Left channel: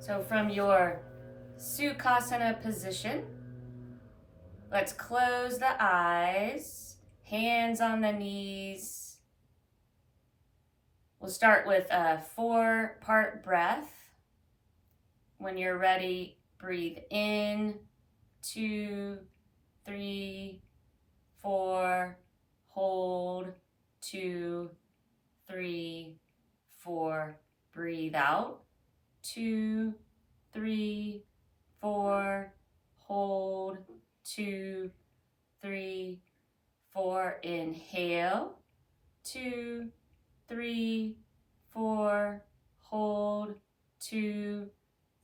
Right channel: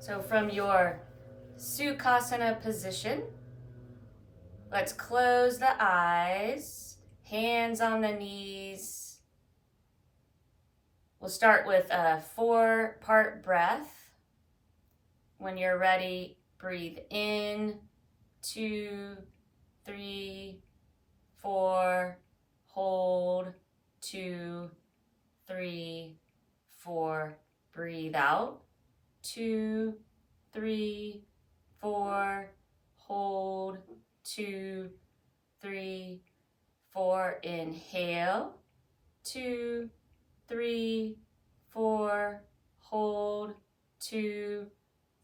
So from your Sukhasana position, let's close the eyes, hands on the knees. We'll start with a 4-part breath. When you're ready, breathe in, 2, 3, 4, hold, 2, 3, 4, breathe out, 2, 3, 4, hold, 2, 3, 4, inhale, 2, 3, 4, hold, 2,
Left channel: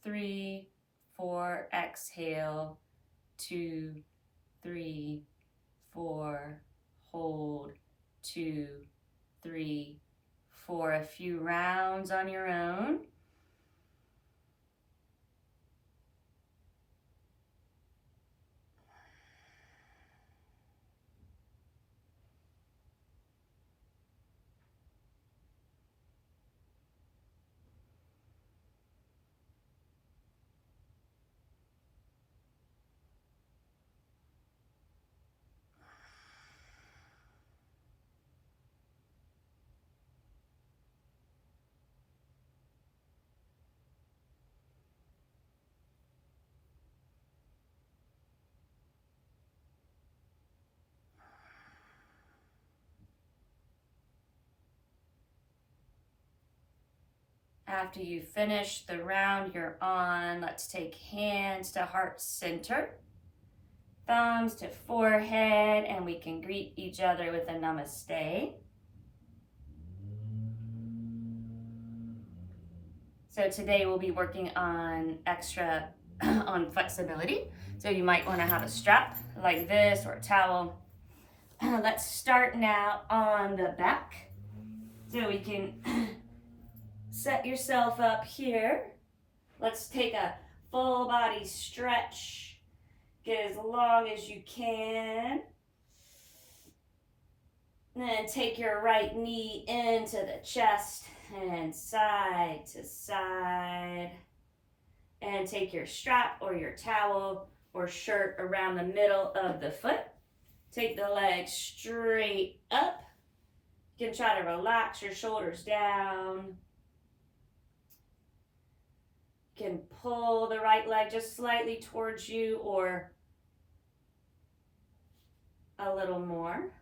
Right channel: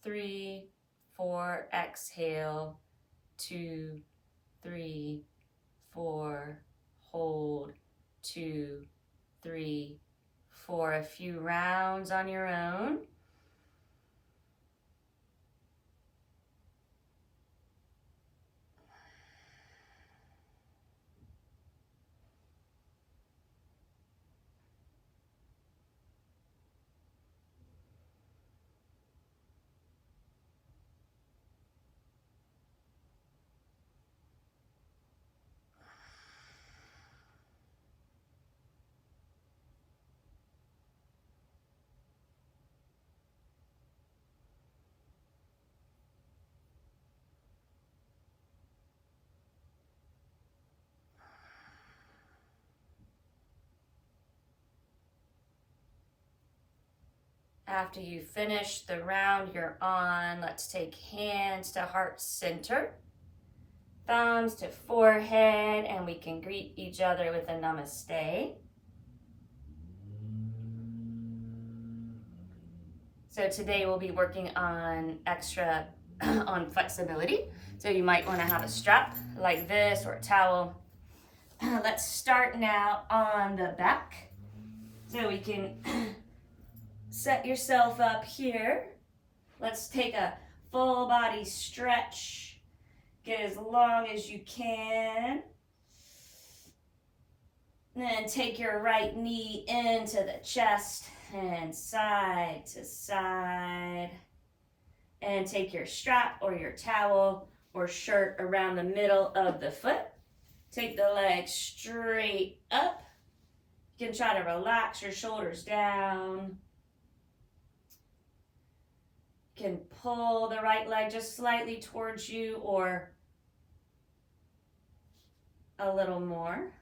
3, 4, exhale, 2, 3, 4, hold, 2, 3, 4. A few rounds on your own. After you finish the round you're on, let's take hands to heart center, thumbs to forehead, and we can greet each other with a namaste. So today we'll be working on on flexibility. So you might want to have a strap like this or a towel. Let's start now on the back. So we can set yourself up here. Let's take a full body stretch. Get as long as you can. Then take your right knee into the chest and side to side. And take your strap or your towel or shirt around the middle of the foot. Take the leg straight up. You can try to relax your shoulders down. You can pull the right leg just slightly towards you or a little more.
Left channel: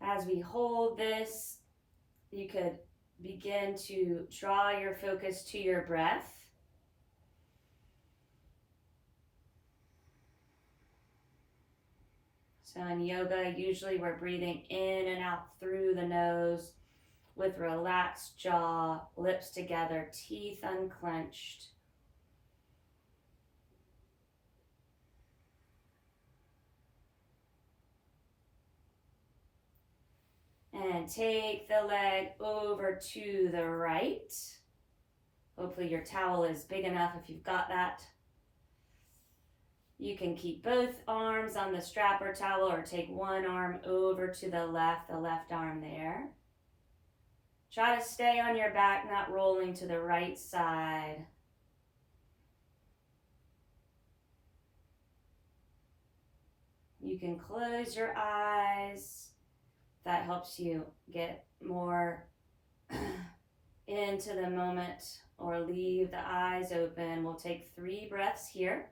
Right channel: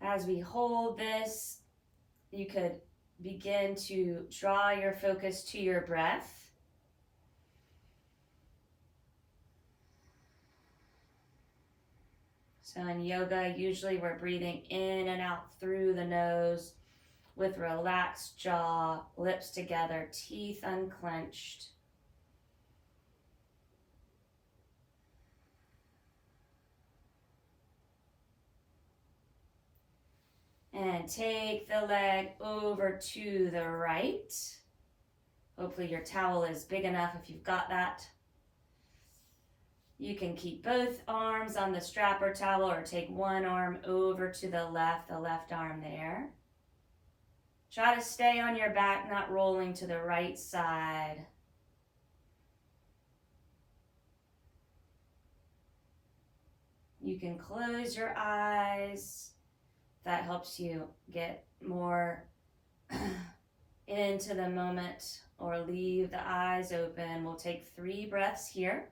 As we hold this, you could begin to draw your focus to your breath. So in yoga, usually we're breathing in and out through the nose with relaxed jaw, lips together, teeth unclenched. And take the leg over to the right. Hopefully your towel is big enough if you've got that. You can keep both arms on the strap or towel or take one arm over to the left arm there. Try to stay on your back, not rolling to the right side. You can close your eyes. That helps you get more into the moment, or leave the eyes open. We'll take 3 breaths here.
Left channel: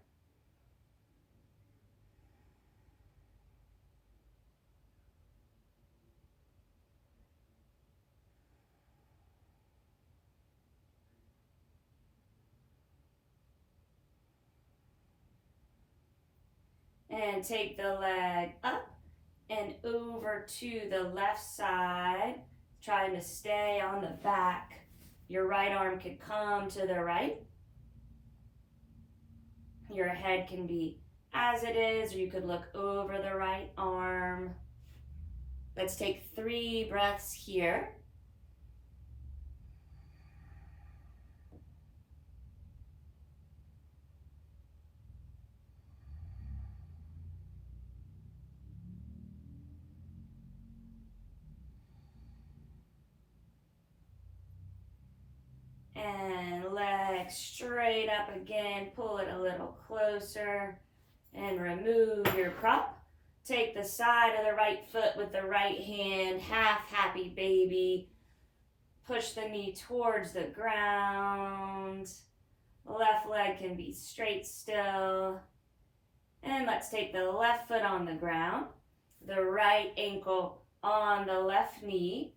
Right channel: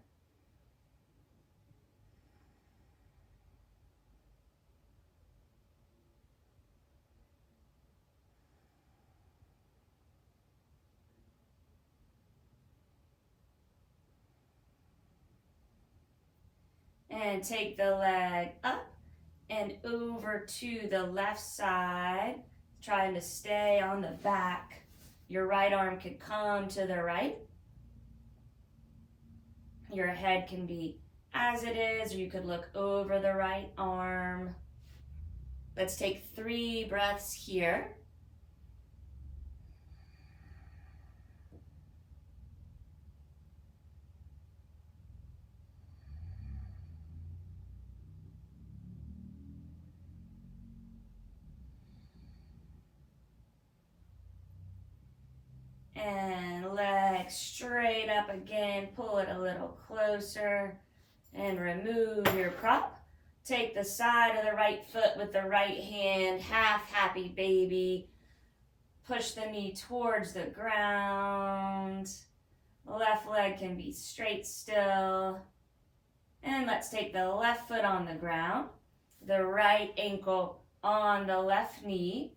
And take the leg up and over to the left side, trying to stay on the back. Your right arm could come to the right. Your head can be as it is, or you could look over the right arm. Let's take 3 breaths here. And leg straight up again. Pull it a little closer and remove your prop. Take the side of the right foot with the right hand, half happy baby. Push the knee towards the ground. Left leg can be straight still. And let's take the left foot on the ground, the right ankle on the left knee,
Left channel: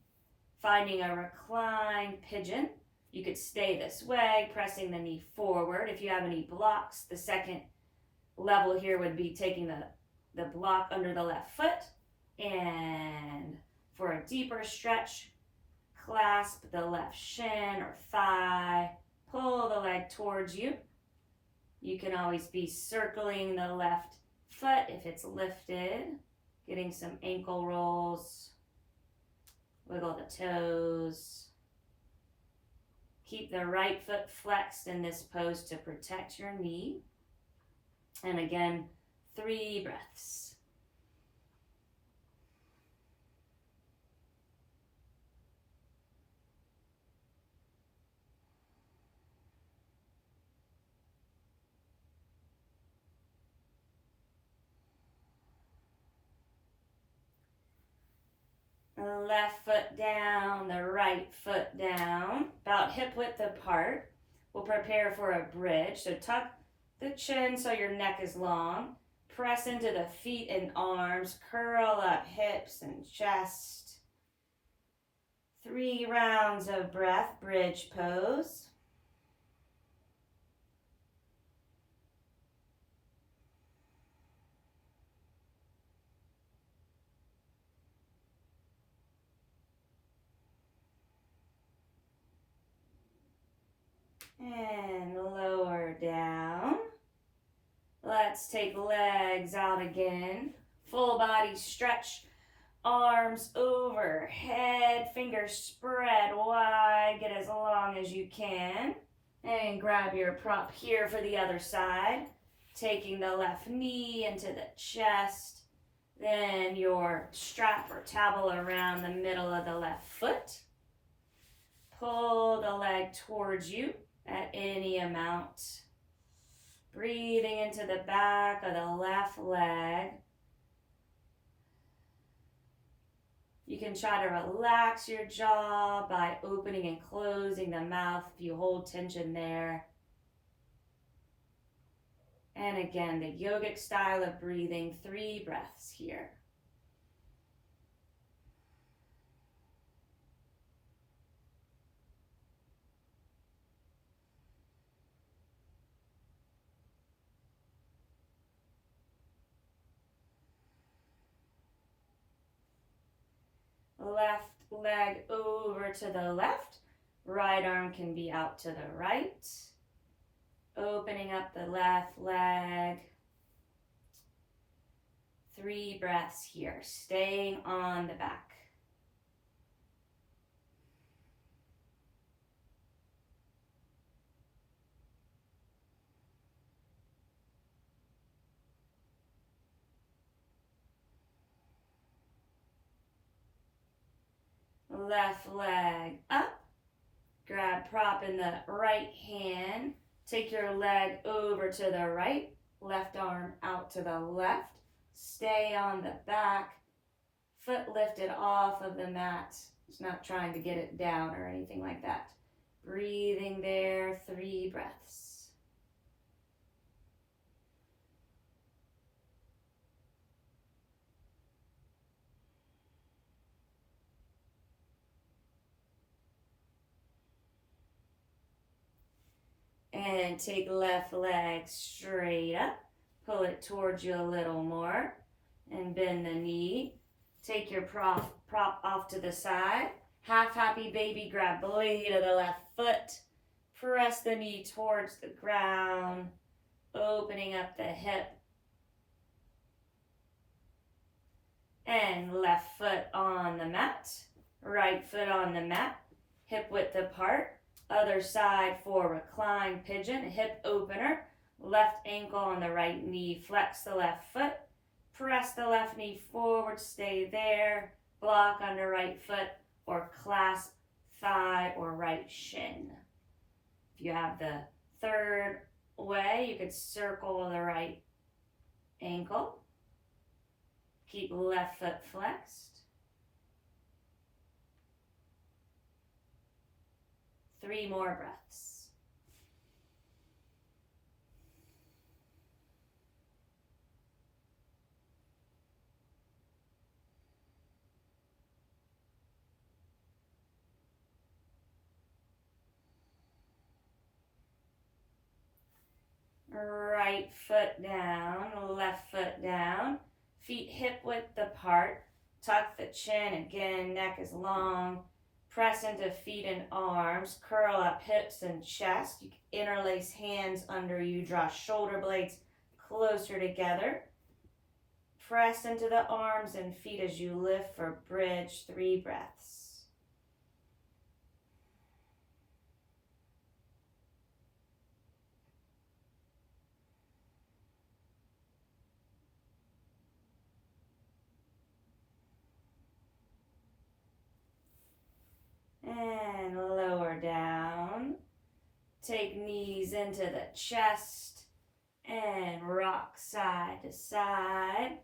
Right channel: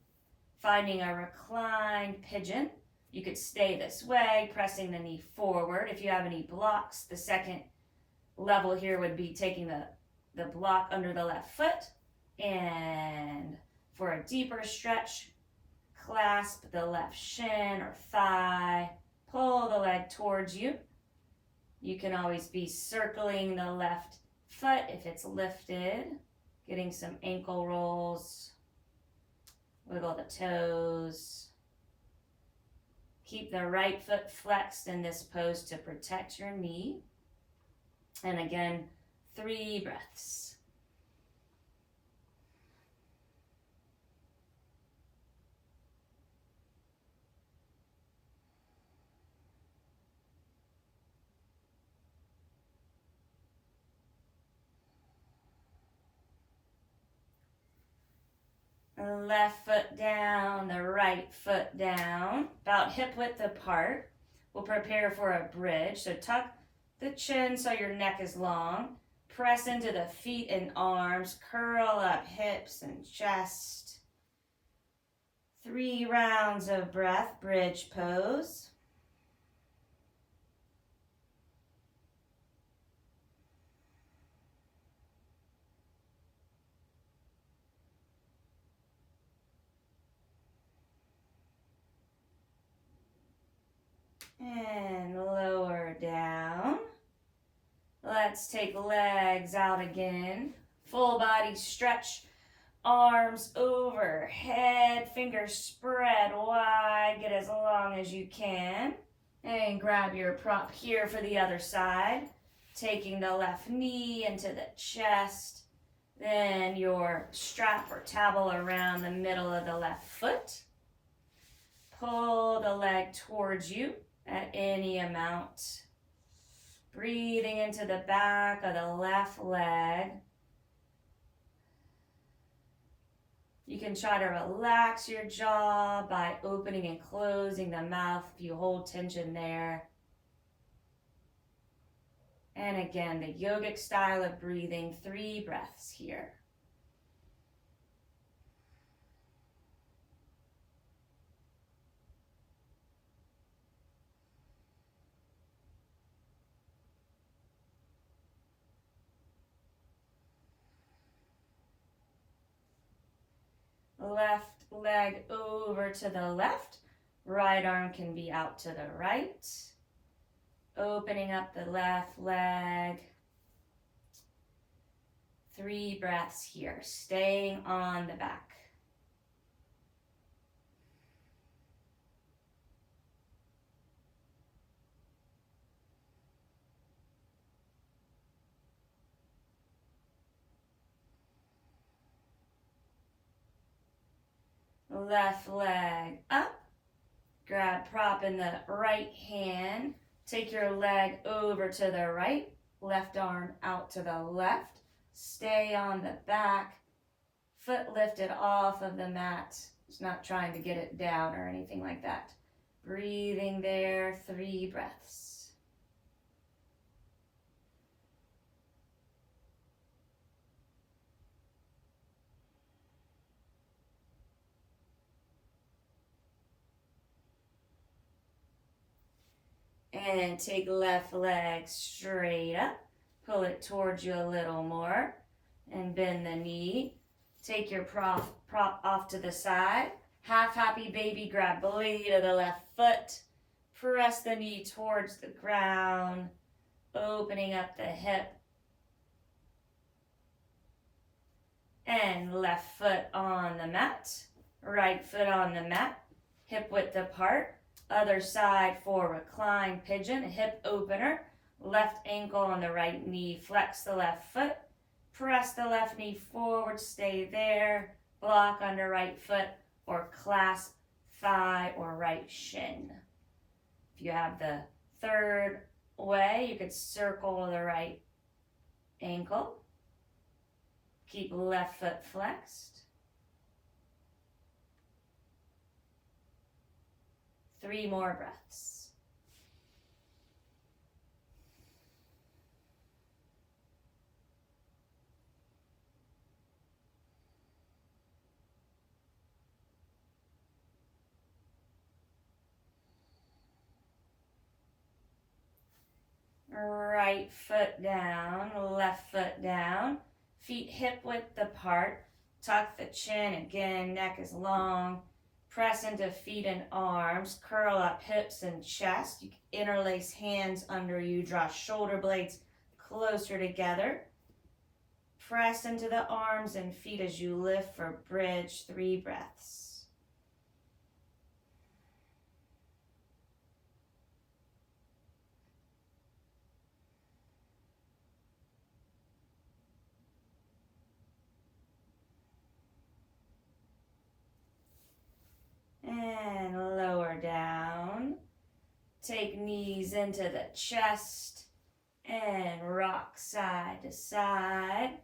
finding a reclined pigeon. You could stay this way, pressing the knee forward. If you have any blocks, the second level here would be taking the block under the left foot. And for a deeper stretch, clasp the left shin or thigh, pull the leg towards you. You can always be circling the left foot if it's lifted, getting some ankle rolls, wiggle the toes. Keep the right foot flexed in this pose to protect your knee. And again, 3 breaths. Left foot down, the right foot down, about hip width apart. We'll prepare for a bridge. So tuck the chin so your neck is long. Press into the feet and arms. Curl up hips and chest. 3 rounds of breath, bridge pose. And lower down. Let's take legs out again. Full body stretch. Arms overhead. Fingers spread wide. Get as long as you can. And grab your prop here for the other side. Taking the left knee into the chest. Then your strap or towel around the middle of the left foot. Pull the leg towards you at any amount. Breathing into the back of the left leg. You can try to relax your jaw by opening and closing the mouth if you hold tension there. And again, the yogic style of breathing, 3 breaths here. Left leg over to the left. Right arm can be out to the right. Opening up the left leg. 3 breaths here, staying on the back. Left leg up. Grab prop in the right hand. Take your leg over to the right. Left arm out to the left. Stay on the back. Foot lifted off of the mat. Just not trying to get it down or anything like that. Breathing there, 3 breaths. And take left leg straight up. Pull it towards you a little more. And bend the knee. Take your prop off to the side. Half happy baby, grab blade of the left foot. Press the knee towards the ground. Opening up the hip. And left foot on the mat. Right foot on the mat. Hip width apart. Other side for reclined pigeon, hip opener. Left ankle on the right knee, flex the left foot. Press the left knee forward, stay there. Block under right foot or clasp thigh or right shin. If you have the third way, you could circle the right ankle. Keep left foot flexed. 3 more breaths. Right foot down, left foot down. Feet hip width apart. Tuck the chin again, neck is long. Press into feet and arms. Curl up hips and chest. You can interlace hands under you. Draw shoulder blades closer together. Press into the arms and feet as you lift for bridge. 3 breaths. And lower down. Take knees into the chest and rock side to side.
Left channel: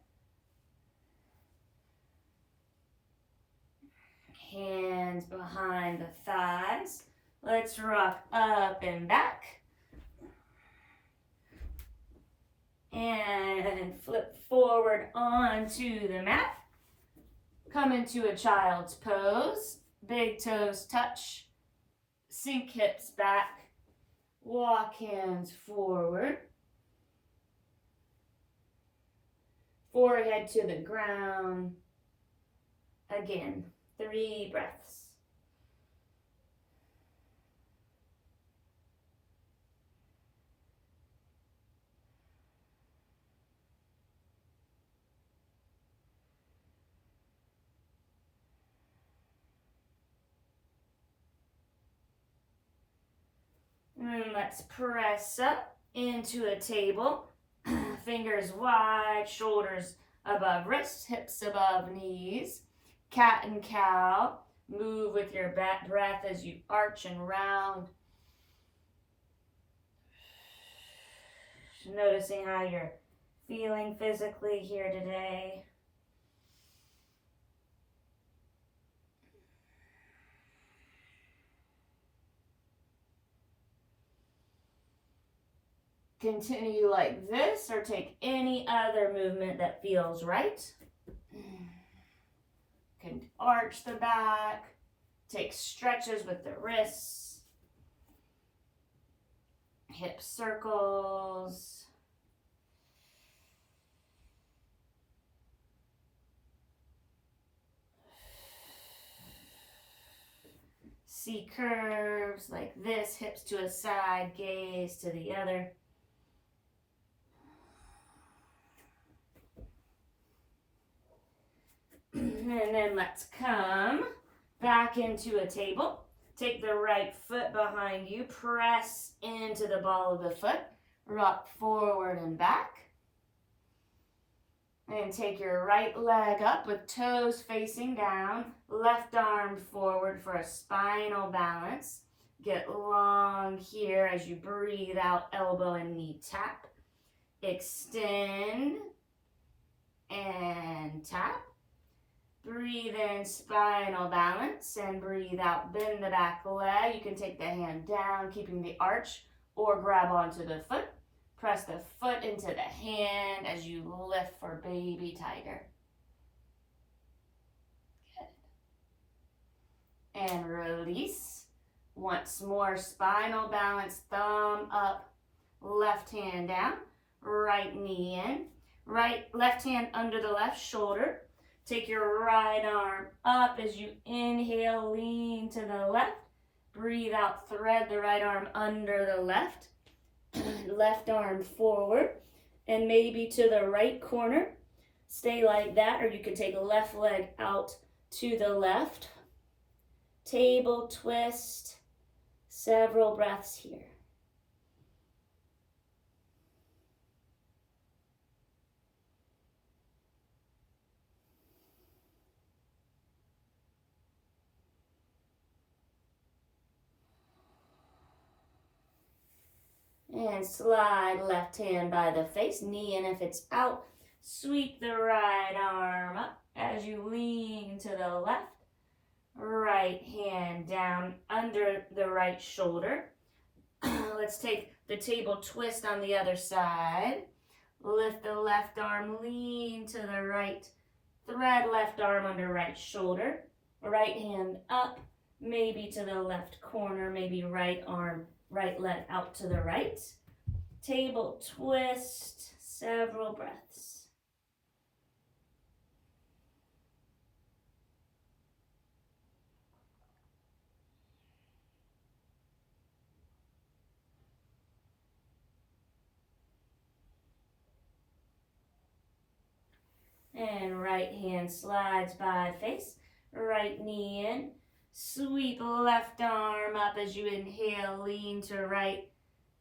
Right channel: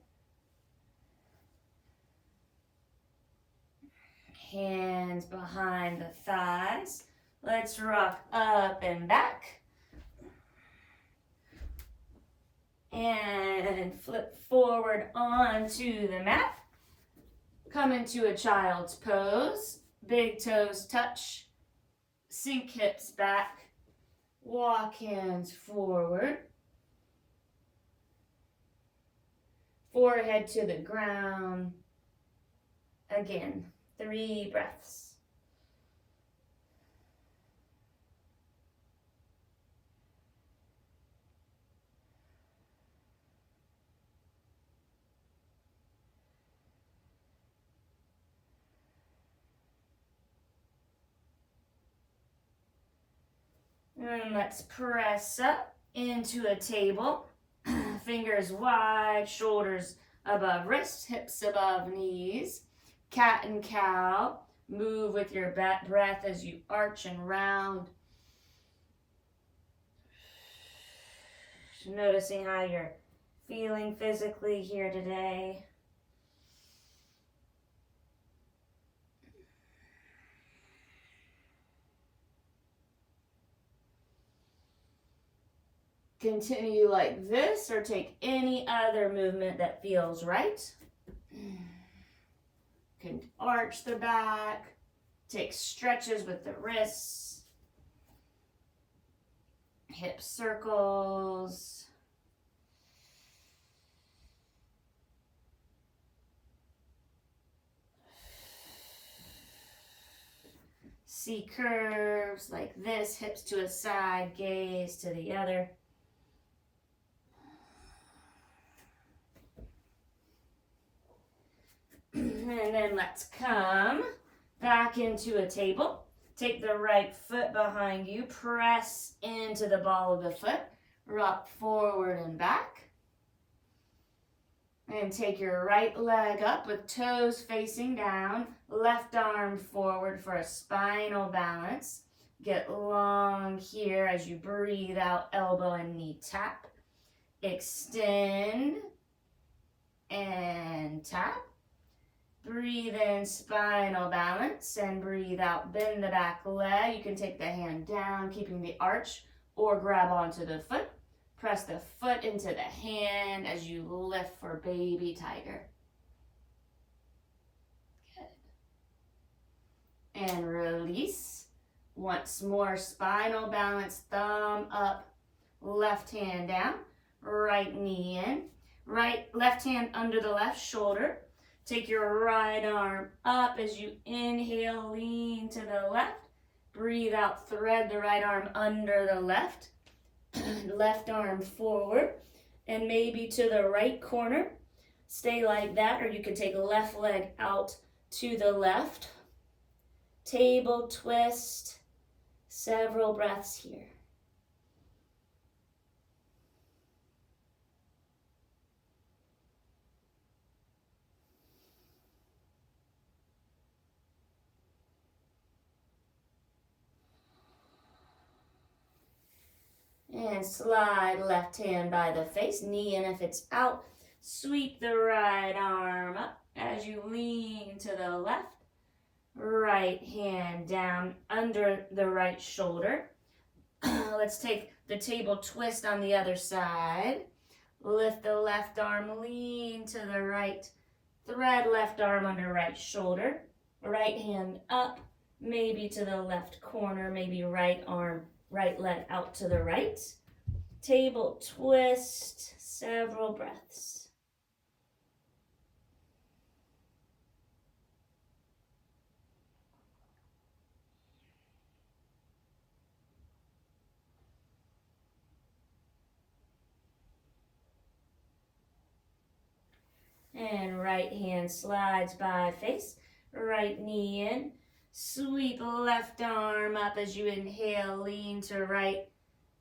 Hands behind the thighs. Let's rock up and back. And flip forward onto the mat. Come into a child's pose. Big toes touch. Sink hips back. Walk hands forward. Forehead to the ground. Again, 3 breaths. And let's press up into a table. Fingers wide, shoulders above wrists, hips above knees. Cat and cow. Move with your breath as you arch and round. Noticing how you're feeling physically here today. Continue like this or take any other movement that feels right. Can arch the back, take stretches with the wrists, hip circles. See curves like this, hips to a side, gaze to the other. And then let's come back into a table. Take the right foot behind you, press into the ball of the foot, rock forward and back. And take your right leg up with toes facing down, left arm forward for a spinal balance. Get long here as you breathe out, elbow and knee tap. Extend and tap. Breathe in, spinal balance, and breathe out, bend the back leg. You can take the hand down, keeping the arch, or grab onto the foot. Press the foot into the hand as you lift for baby tiger. Good. And release. Once more, spinal balance, thumb up, left hand down, right knee in, left hand under the left shoulder. Take your right arm up as you inhale, lean to the left. Breathe out, thread the right arm under the left. Left arm forward and maybe to the right corner. Stay like that, or you could take left leg out to the left. Table twist. Several breaths here. And slide left hand by the face, knee in if it's out. Sweep the right arm up as you lean to the left. Right hand down under the right shoulder. Let's take the table twist on the other side. Lift the left arm, lean to the right. Thread left arm under right shoulder. Right hand up, maybe to the left corner, maybe right arm, right leg out to the right. Table twist, several breaths. And right hand slides by face, right knee in. Sweep left arm up as you inhale, lean to right.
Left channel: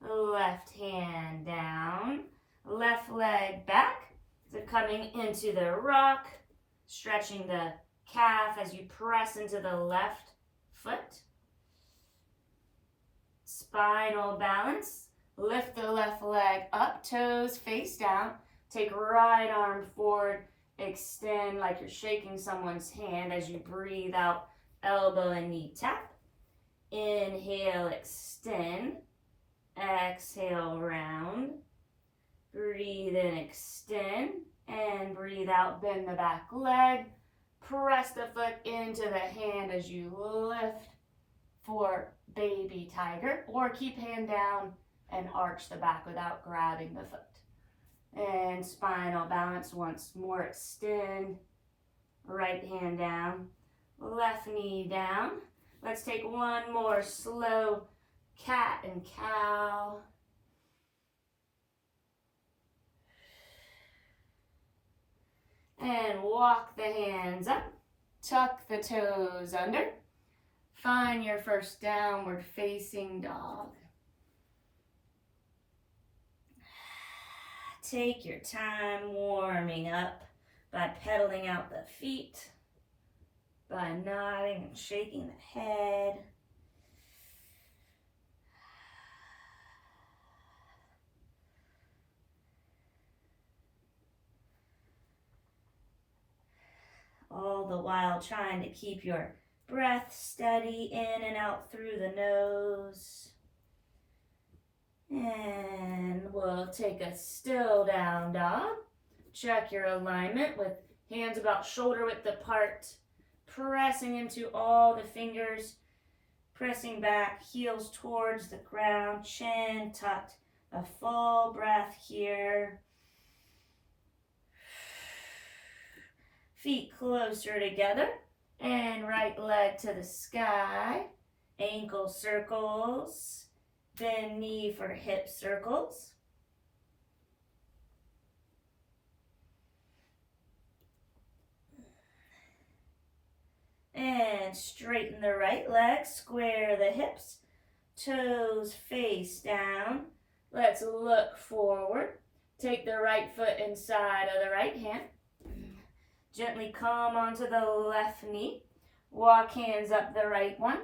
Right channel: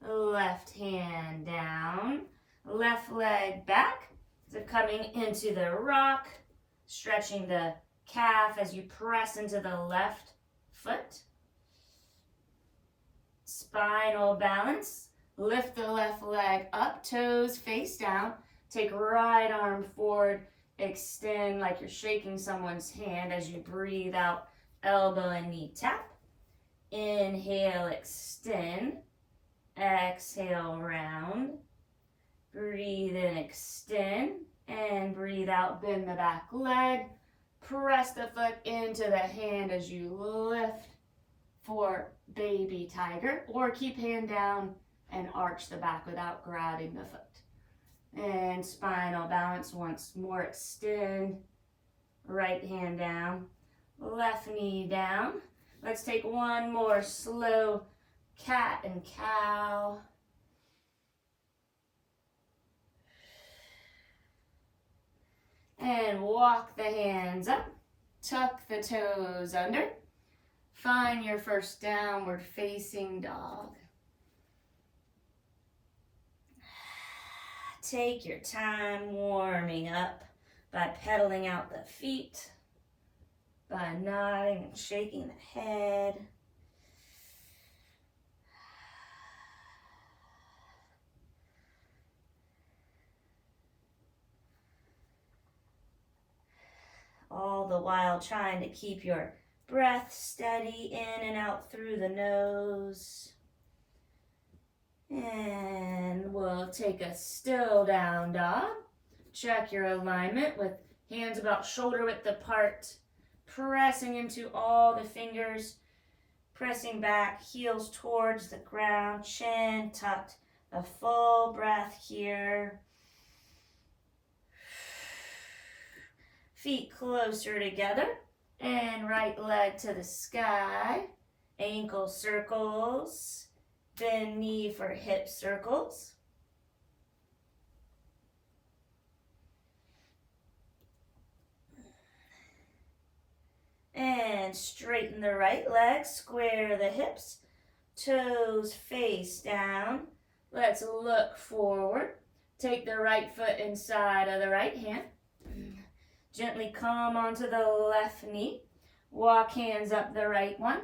Left hand down, left leg back. So coming into the rock, stretching the calf as you press into the left foot. Spinal balance. Lift the left leg up, toes face down. Take right arm forward, extend like you're shaking someone's hand as you breathe out, elbow and knee tap. Inhale, extend. Exhale, round. Breathe in, extend. And breathe out, bend the back leg. Press the foot into the hand as you lift for baby tiger. Or keep hand down and arch the back without grabbing the foot. And spinal balance once more. Extend. Right hand down. Left knee down. Let's take one more slow cat and cow. And walk the hands up. Tuck the toes under. Find your first downward facing dog. Take your time warming up by pedaling out the feet, by nodding and shaking the head. All the while trying to keep your breath steady in and out through the nose. And we'll take a still down dog. Check your alignment with hands about shoulder width apart. Pressing into all the fingers. Pressing back, heels towards the ground, chin tucked. A full breath here. Feet closer together. And right leg to the sky. Ankle circles. Bend knee for hip circles. And straighten the right leg, square the hips, toes face down. Let's look forward. Take the right foot inside of the right hand. Gently come onto the left knee. Walk hands up the right one.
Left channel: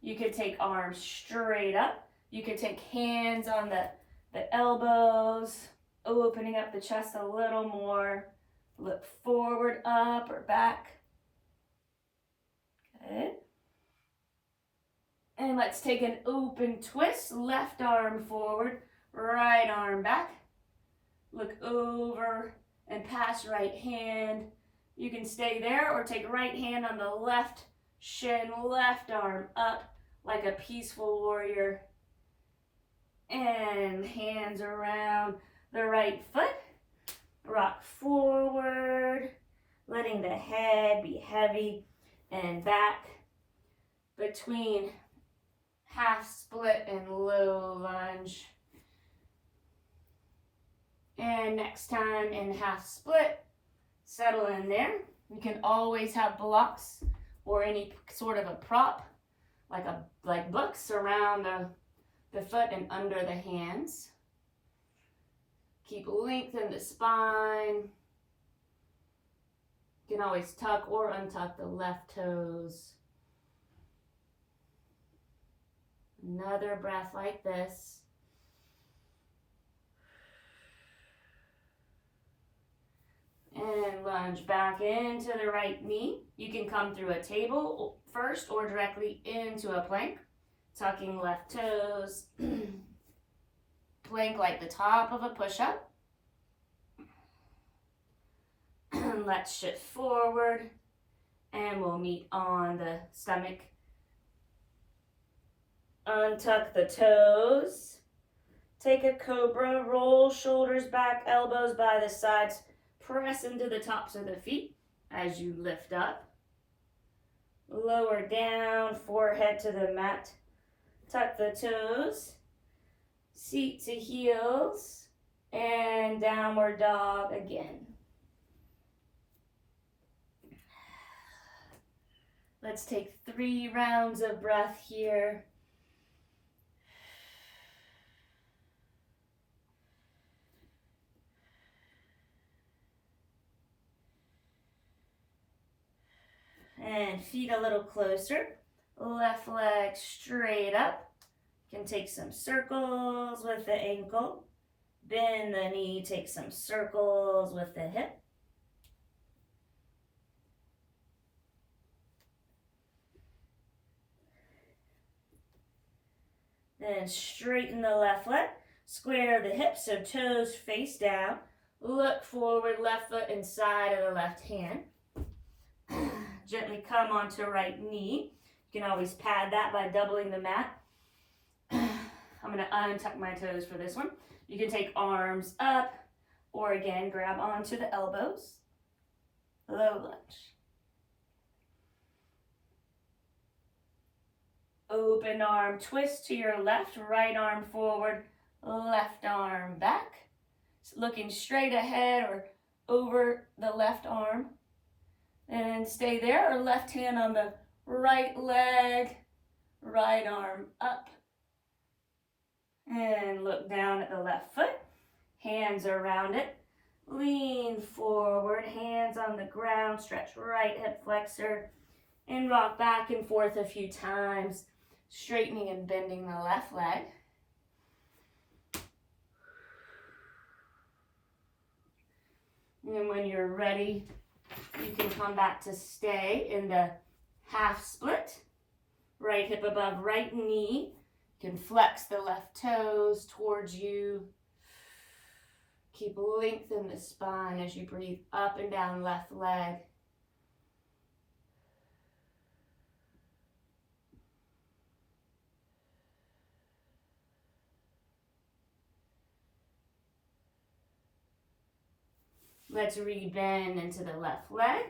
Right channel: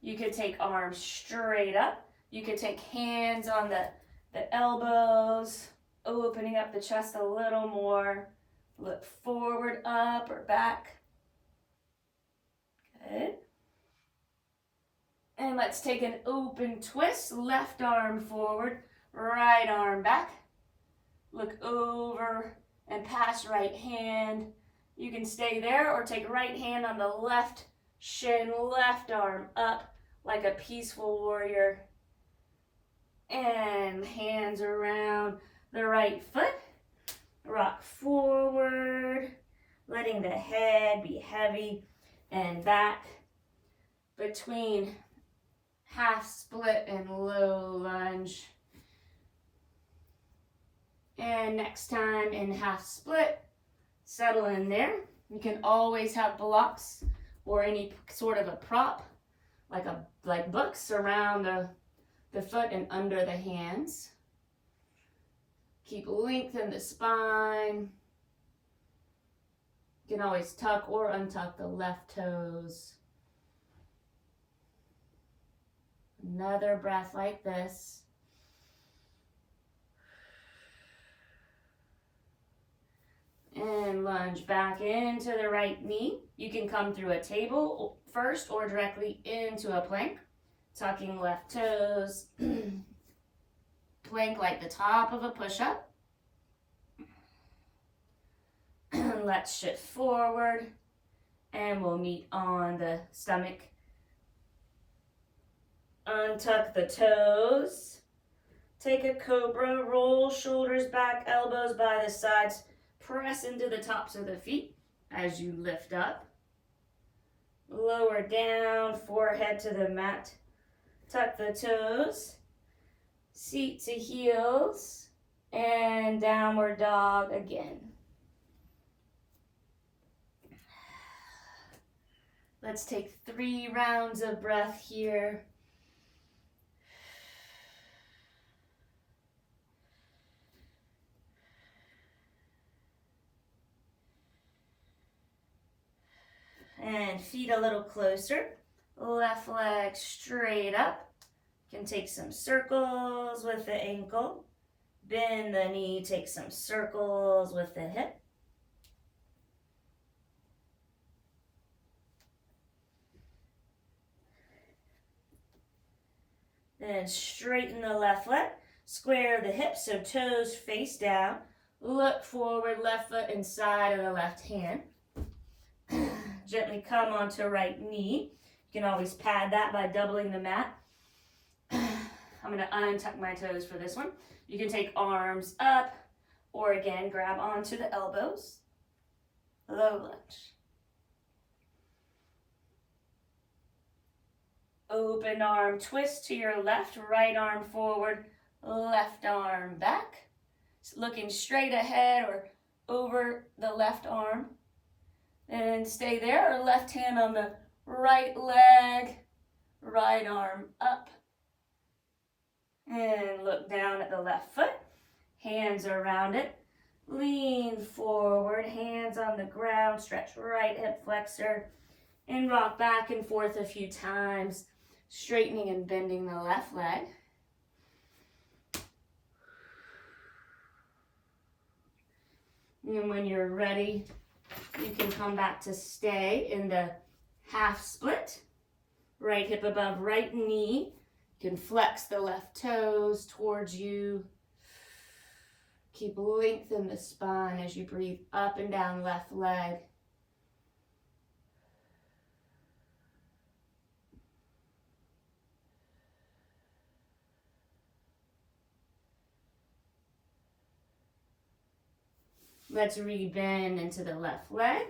You could take arms straight up. You could take hands on the elbows, opening up the chest a little more. Look forward, up or back. Good. And let's take an open twist. Left arm forward, right arm back. Look over and pass right hand. You can stay there or take right hand on the left shin, left arm up like a peaceful warrior. And hands around the right foot. Rock forward, letting the head be heavy and back between half split and low lunge. And next time in half split, settle in there. You can always have blocks or any sort of a prop, like books around the foot and under the hands. Keep lengthen the spine. You can always tuck or untuck the left toes. Another breath like this. Lunge back into the right knee. You can come through a table first or directly into a plank. Tucking left toes. Plank like the top of a push-up. Let's shift forward and we'll meet on the stomach. Untuck the toes. Take a cobra, roll shoulders back, elbows by the sides. Press into the tops of the feet as you lift up. Lower down, forehead to the mat. Tuck the toes. Seat to heels. And downward dog again. Let's take 3 rounds of breath here. And feet a little closer. Left leg straight up. You can take some circles with the ankle. Bend the knee, take some circles with the hip. Then straighten the left leg. Square the hips so toes face down. Look forward, left foot inside of the left hand. Gently come onto right knee. You can always pad that by doubling the mat. I'm going to untuck my toes for this one. You can take arms up or again grab onto the elbows. Low lunge. Open arm twist to your left, right arm forward, left arm back. Looking straight ahead or over the left arm. And stay there, or left hand on the right leg, right arm up. And look down at the left foot, hands around it. Lean forward, hands on the ground, stretch right hip flexor, and rock back and forth a few times, straightening and bending the left leg. And when you're ready, you can come back to stay in the half split. Right hip above right knee. You can flex the left toes towards you. Keep length in the spine as you breathe up and down left leg. Let's rebend into the left leg.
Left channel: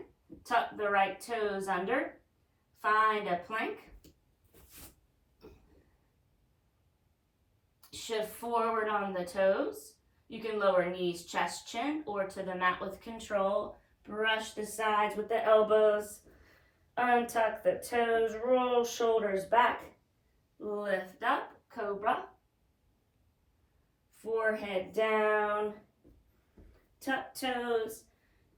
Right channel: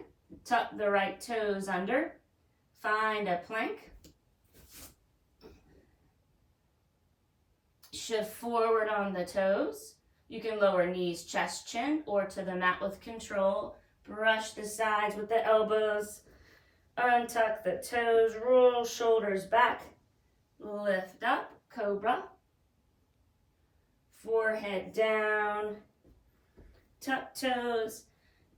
Tuck the right toes under. Find a plank. Shift forward on the toes. You can lower knees, chest, chin, or to the mat with control. Brush the sides with the elbows. Untuck the toes. Roll shoulders back. Lift up, cobra. Forehead down. Tuck toes,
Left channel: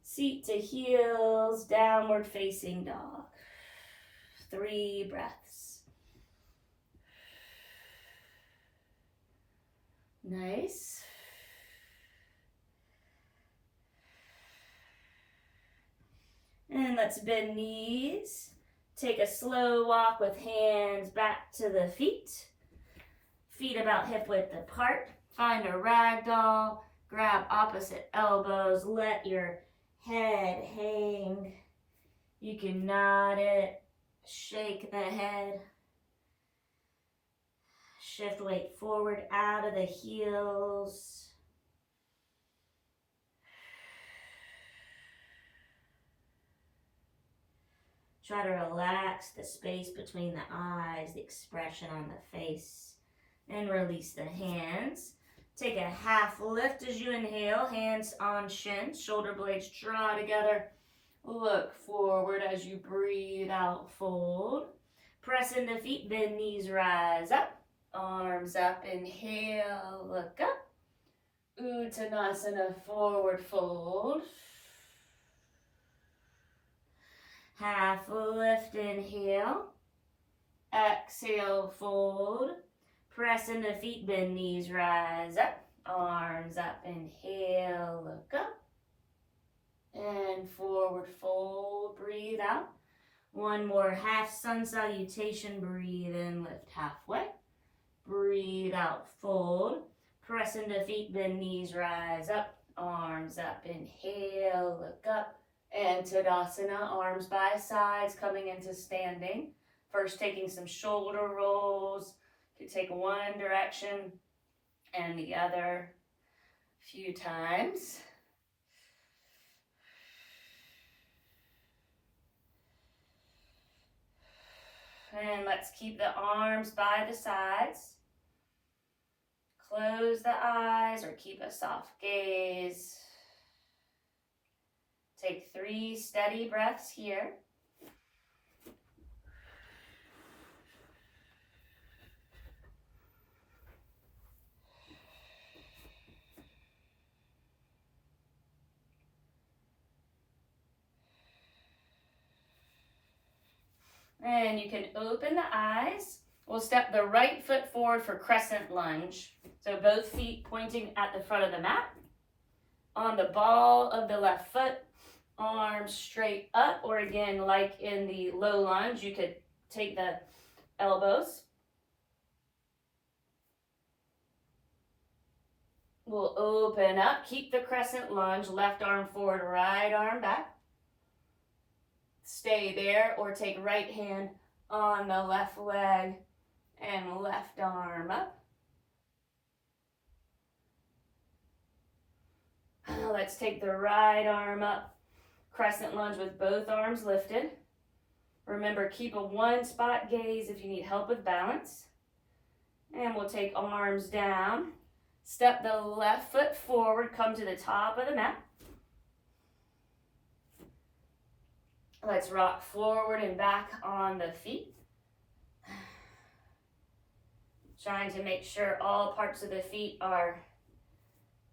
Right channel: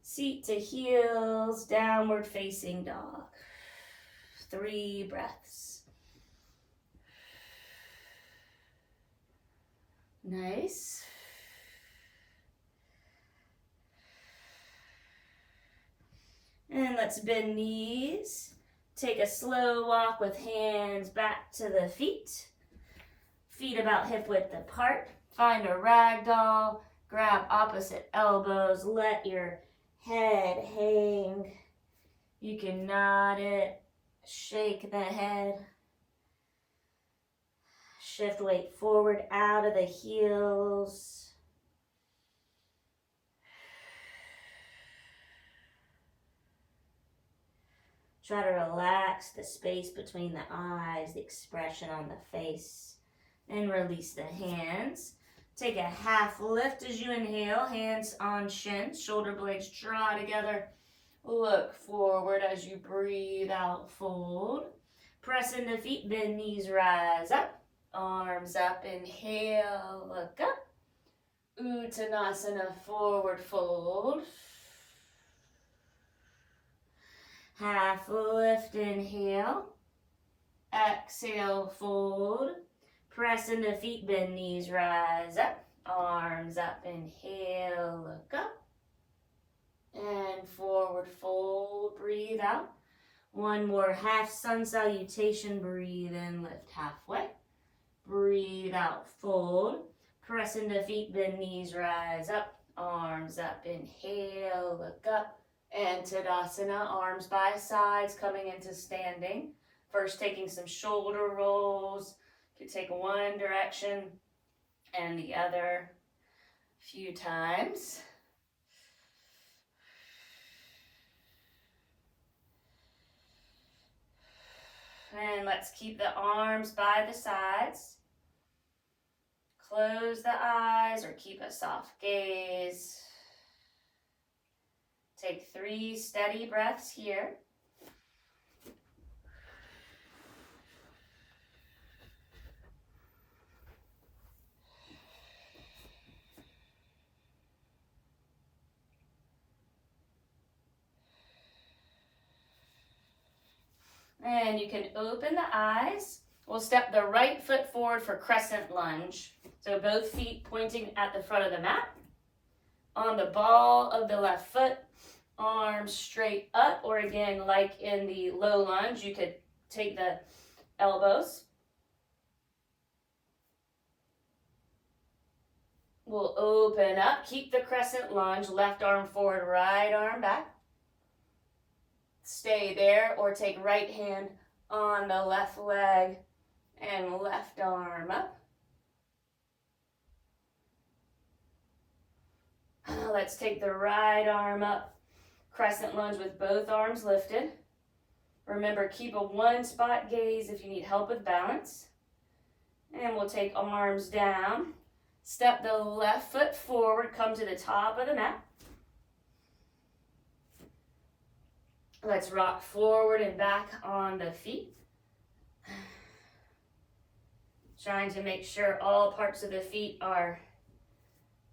seat to heels, downward facing dog. 3 breaths. Nice. And let's bend knees. Take a slow walk with hands back to the feet. Feet about hip width apart. Find a ragdoll. Grab opposite elbows, let your head hang. You can nod it, shake the head. Shift weight forward out of the heels. Try to relax the space between the eyes, the expression on the face, and release the hands. Take a half lift as you inhale, hands on shins, shoulder blades draw together. Look forward as you breathe out, fold. Press into feet, bend knees, rise up. Arms up, inhale, look up. Uttanasana, forward fold. Half lift, inhale. Exhale, fold. Press into feet, bend knees, rise up. Arms up, inhale, look up. And forward. breathe out. One more half sun salutation, breathe in, lift halfway. Breathe out, fold. Press into feet, bend knees, rise up. Arms up, inhale, look up. And Tadasana, arms by sides, coming into standing. First taking some shoulder rolls. You can take one direction and the other a few times. And let's keep the arms by the sides. Close the eyes or keep a soft gaze. Take 3 steady breaths here. And you can open the eyes. We'll step the right foot forward for crescent lunge. So both feet pointing at the front of the mat. On the ball of the left foot, arms straight up, or again, like in the low lunge, you could take the elbows. We'll open up, keep the crescent lunge, left arm forward, right arm back. Stay there, or take right hand on the left leg and left arm up. Let's take the right arm up, crescent lunge with both arms lifted. Remember, keep a one spot gaze if you need help with balance. And we'll take arms down. Step the left foot forward, come to the top of the mat. Let's rock forward and back on the feet. Trying to make sure all parts of the feet are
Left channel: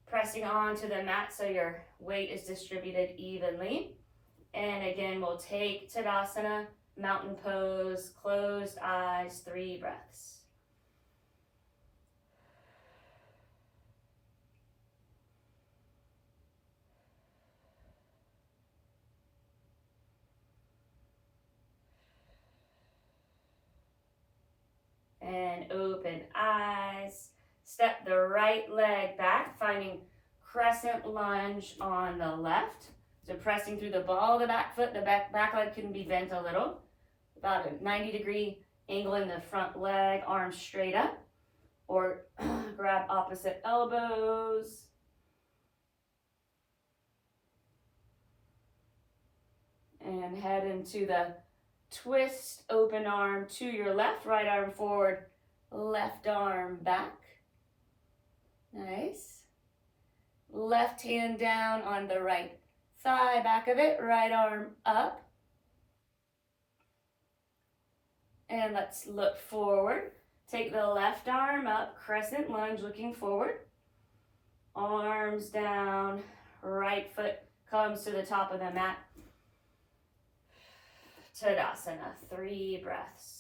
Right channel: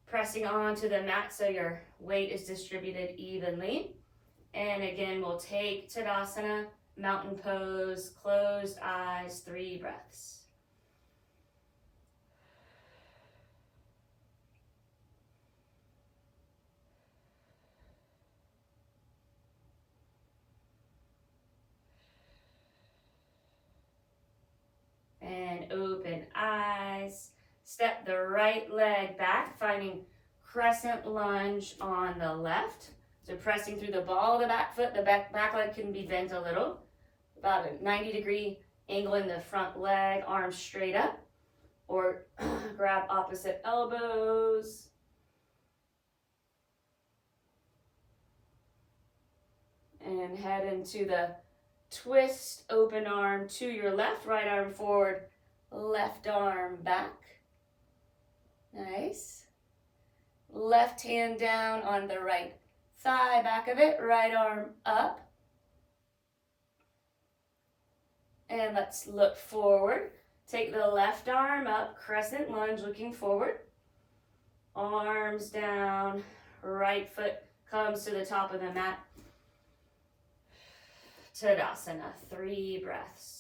pressing onto the mat so your weight is distributed evenly. And again, we'll take Tadasana, mountain pose, closed eyes, 3 breaths. And open eyes. Step the right leg back, finding crescent lunge on the left. So pressing through the ball of the back foot, the back leg can be bent a little. About a 90-degree angle in the front leg, arms straight up. Or grab opposite elbows. And head into the twist, open arm to your left, right arm forward, left arm back. Nice. Left hand down on the right thigh, back of it, right arm up. And let's look forward. Take the left arm up, crescent lunge, looking forward. Arms down, right foot comes to the top of the mat. Tadasana, 3 breaths.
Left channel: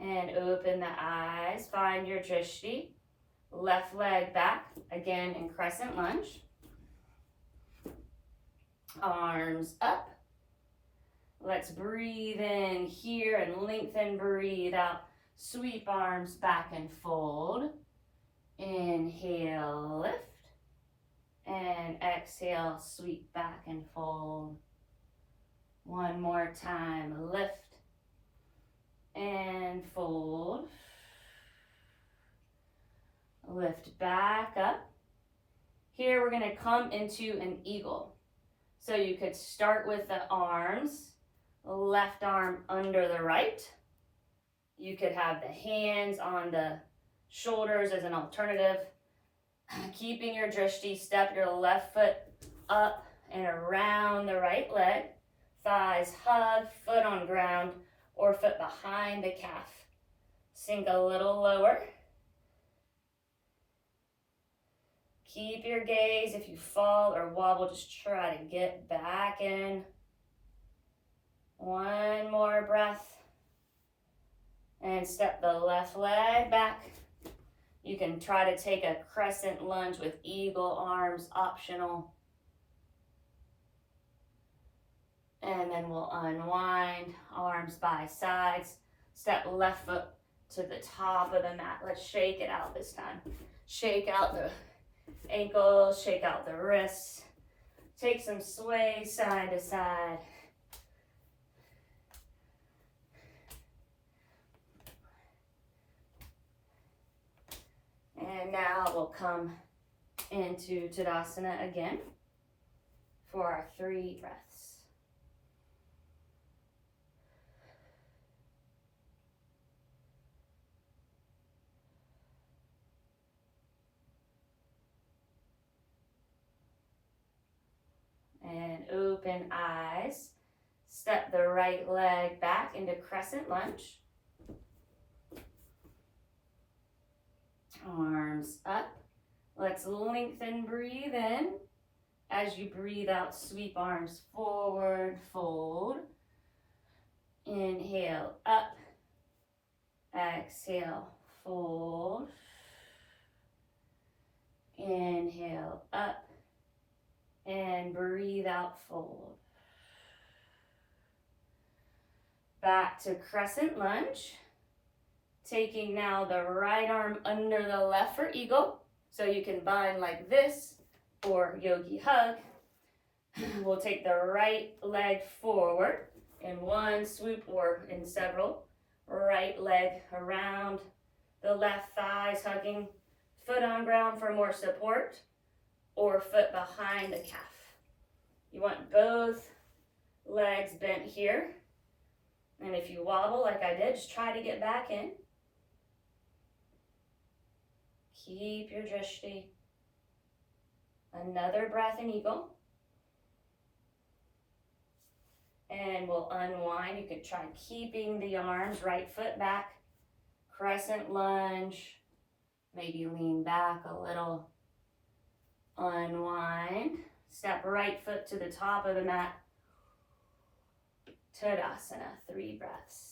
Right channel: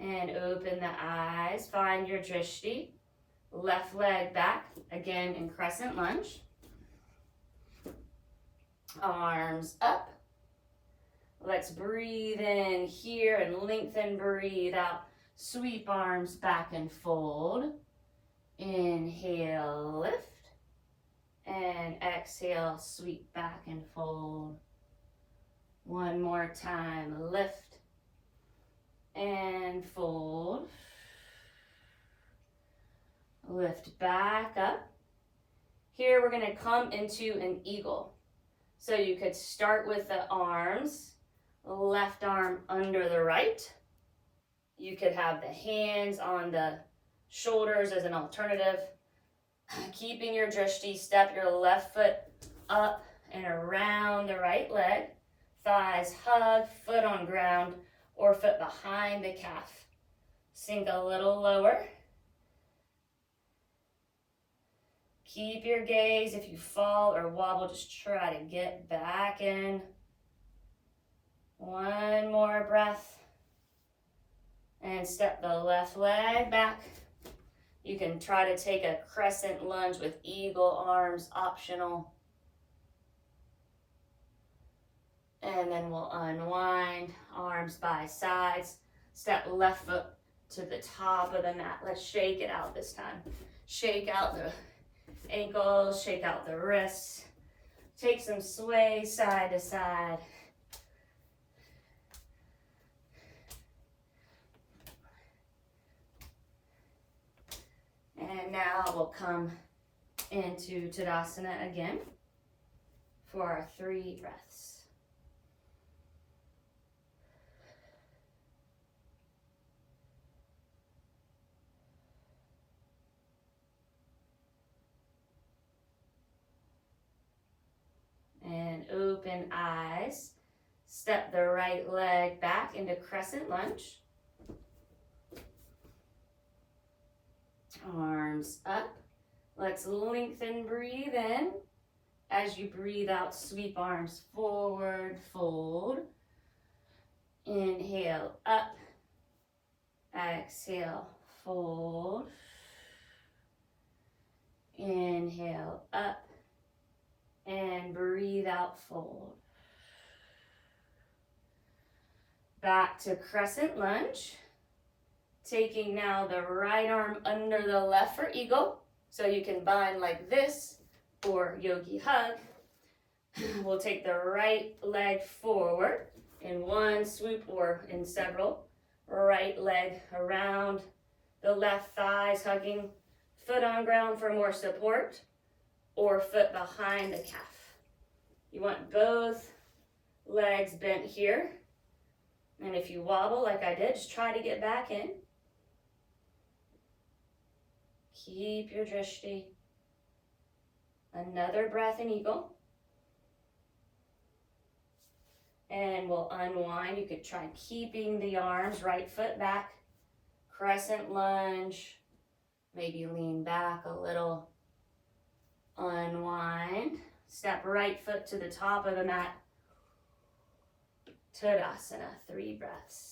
And open the eyes, find your drishti. Left leg back, again in crescent lunge. Arms up. Let's breathe in here and lengthen, breathe out. Sweep arms back and fold. Inhale, lift. And exhale, sweep back and fold. One more time, lift. And fold. Lift back up. Here we're going to come into an eagle. So you could start with the arms. Left arm under the right. You could have the hands on the shoulders as an alternative. Keeping your drishti, step your left foot up and around the right leg. Thighs hug, foot on ground or foot behind the calf. Sink a little lower. Keep your gaze. If you fall or wobble, just try to get back in. One more breath. And step the left leg back. You can try to take a crescent lunge with eagle arms, optional. And then we'll unwind, arms by sides. Step left foot to the top of the mat. Let's shake it out this time. Shake out the ankles, shake out the wrists. Take some sway side to side. And now we'll come into Tadasana again for our 3 breaths. And open eyes. Step the right leg back into crescent lunge. Arms up. Let's lengthen, breathe in. As you breathe out, sweep arms forward, fold. Inhale, up. Exhale, fold. Inhale, up. And breathe out, fold. Back to crescent lunge. Taking now the right arm under the left for eagle. So you can bind like this or yogi hug. We'll take the right leg forward in one swoop or in several. Right leg around the left thighs, hugging foot on ground for more support, or foot behind the calf. You want both legs bent here. And if you wobble like I did, just try to get back in. Keep your drishti. Another breath in eagle. And we'll unwind. You could try keeping the arms, right foot back, crescent lunge. Maybe lean back a little. Unwind. Step right foot to the top of the mat. Tadasana, 3 breaths.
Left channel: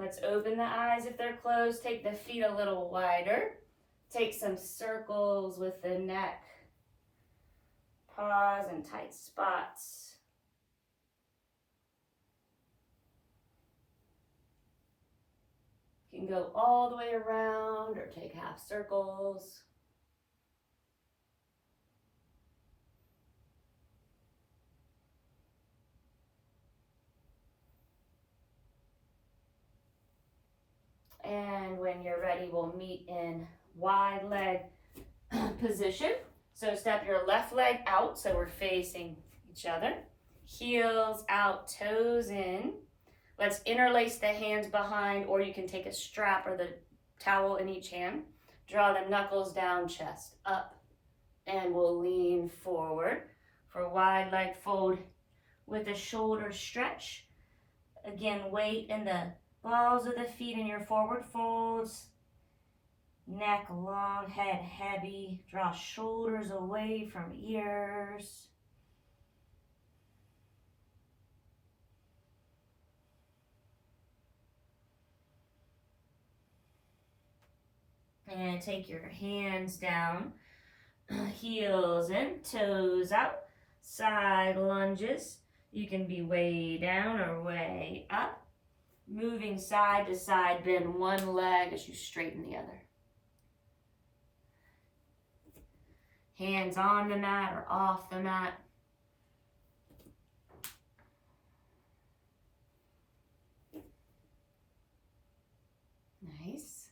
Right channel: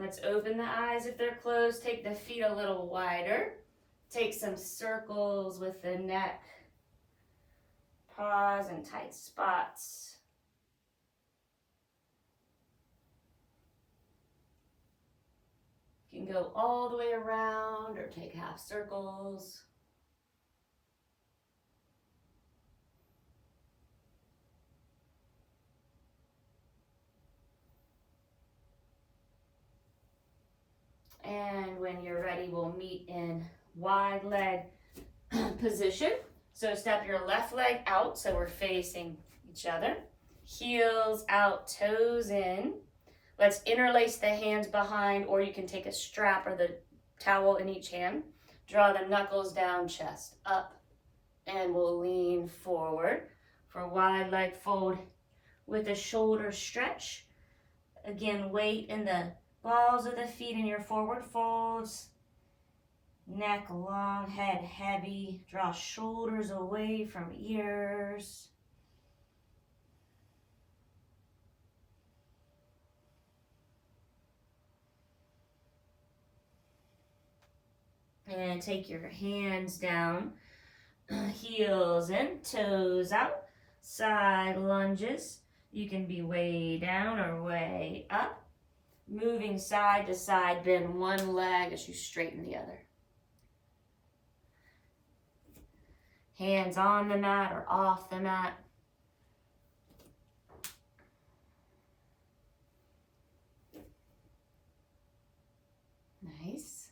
Let's open the eyes if they're closed. Take the feet a little wider. Take some circles with the neck. Pause in tight spots. You can go all the way around or take half circles. And when you're ready, we'll meet in wide leg position. So step your left leg out so we're facing each other. Heels out, toes in. Let's interlace the hands behind, or you can take a strap or the towel in each hand. Draw the knuckles down, chest up, and we'll lean forward for wide leg fold with a shoulder stretch. Again, weight in the balls of the feet in your forward folds. Neck long, head heavy. Draw shoulders away from ears. And take your hands down, heels in, toes out, side lunges. You can be way down or way up. Moving side to side, bend one leg as you straighten the other. Hands on the mat or off the mat. Nice.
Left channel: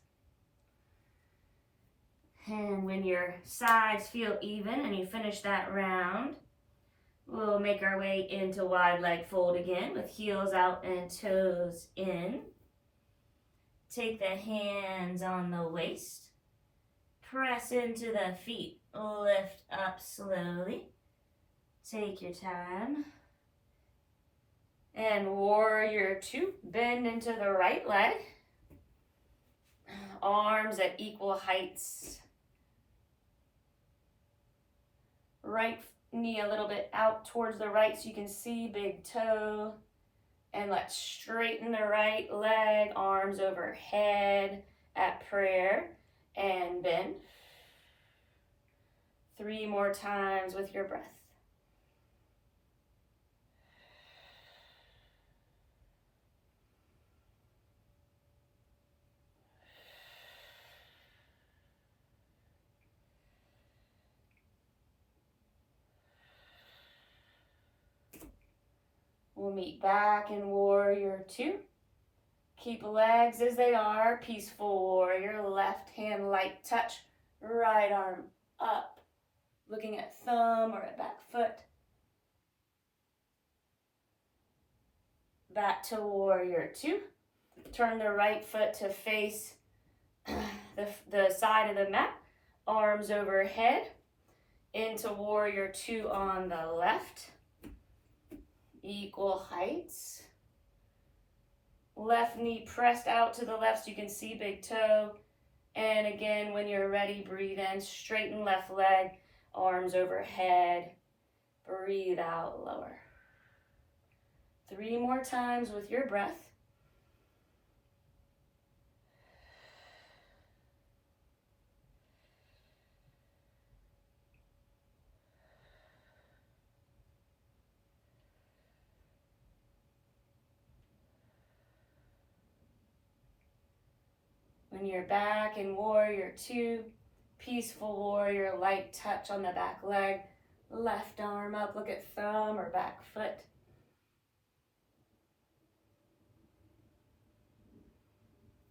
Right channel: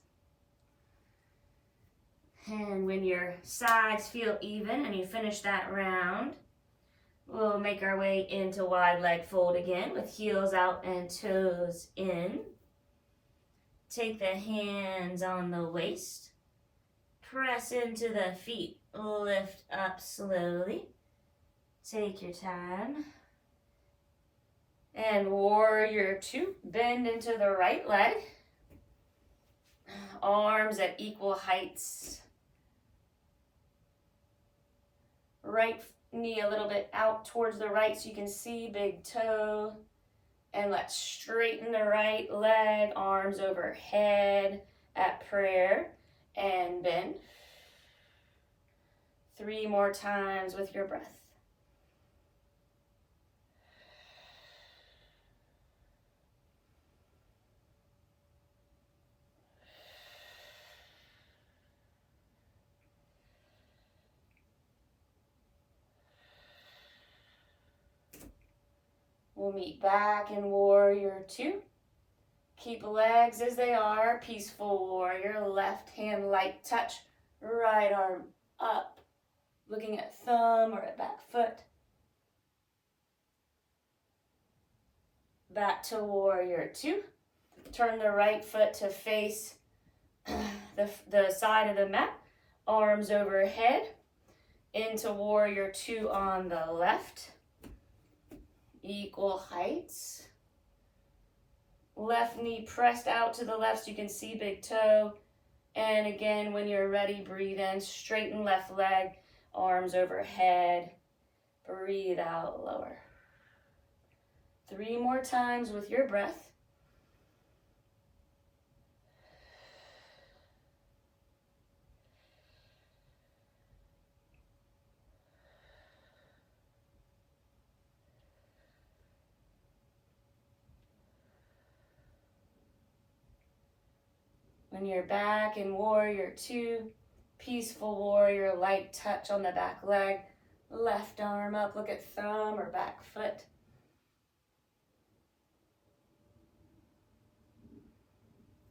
And when your sides feel even and you finish that round, we'll make our way into wide leg fold again with heels out and toes in. Take the hands on the waist. Press into the feet. Lift up slowly. Take your time. And warrior two, bend into the right leg. Arms at equal heights. Right knee a little bit out towards the right so you can see big toe. And let's straighten the right leg, arms overhead at prayer, and bend. 3 more times with your breath. We'll meet back in warrior two. Keep legs as they are. Peaceful warrior. Left hand light touch. Right arm up. Looking at thumb or at back foot. Back to warrior two. Turn the right foot to face the side of the mat. Arms overhead. Into warrior two on the left. Equal heights. Left knee pressed out to the left so you can see big toe. And again, when you're ready, breathe in. Straighten left leg. Arms overhead. Breathe out, lower. 3 more times with your breath. When you're back in warrior two, peaceful warrior, light touch on the back leg, left arm up, look at thumb or back foot.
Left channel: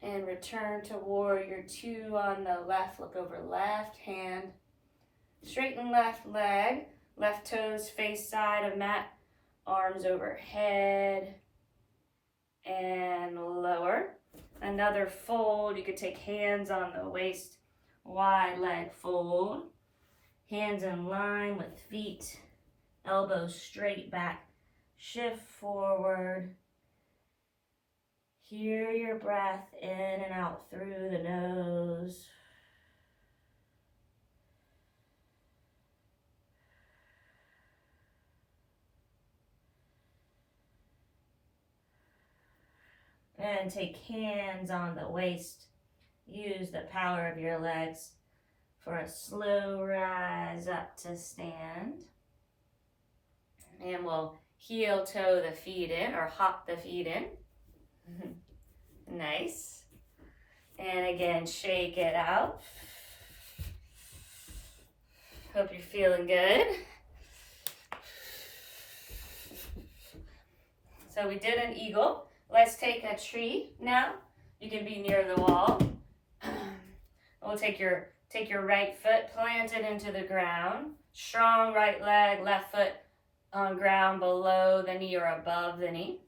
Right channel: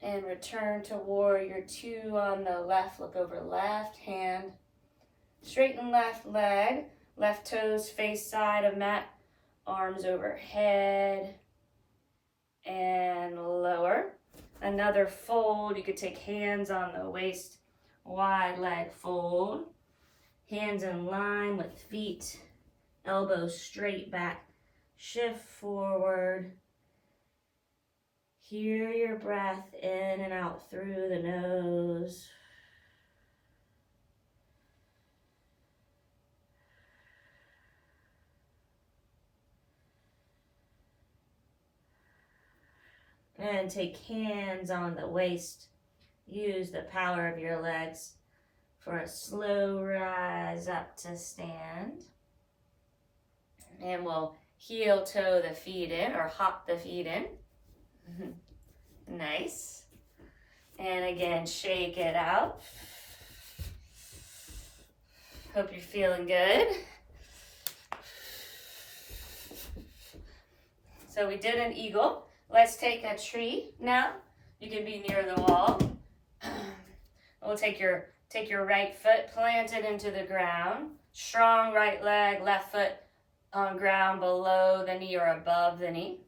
And return to warrior two on the left, look over left hand. Straighten left leg, left toes face side of mat, arms overhead and lower. Another fold, you could take hands on the waist, wide leg fold. Hands in line with feet, elbows straight back, shift forward. Hear your breath in and out through the nose. And take hands on the waist. Use the power of your legs for a slow rise up to stand. And we'll heel toe the feet in or hop the feet in. Nice. And again, shake it out. Hope you're feeling good. So we did an eagle. Let's take a tree now. You can be near the wall. We'll take your right foot, plant it into the ground. Strong right leg, left foot on ground below the knee or above the knee.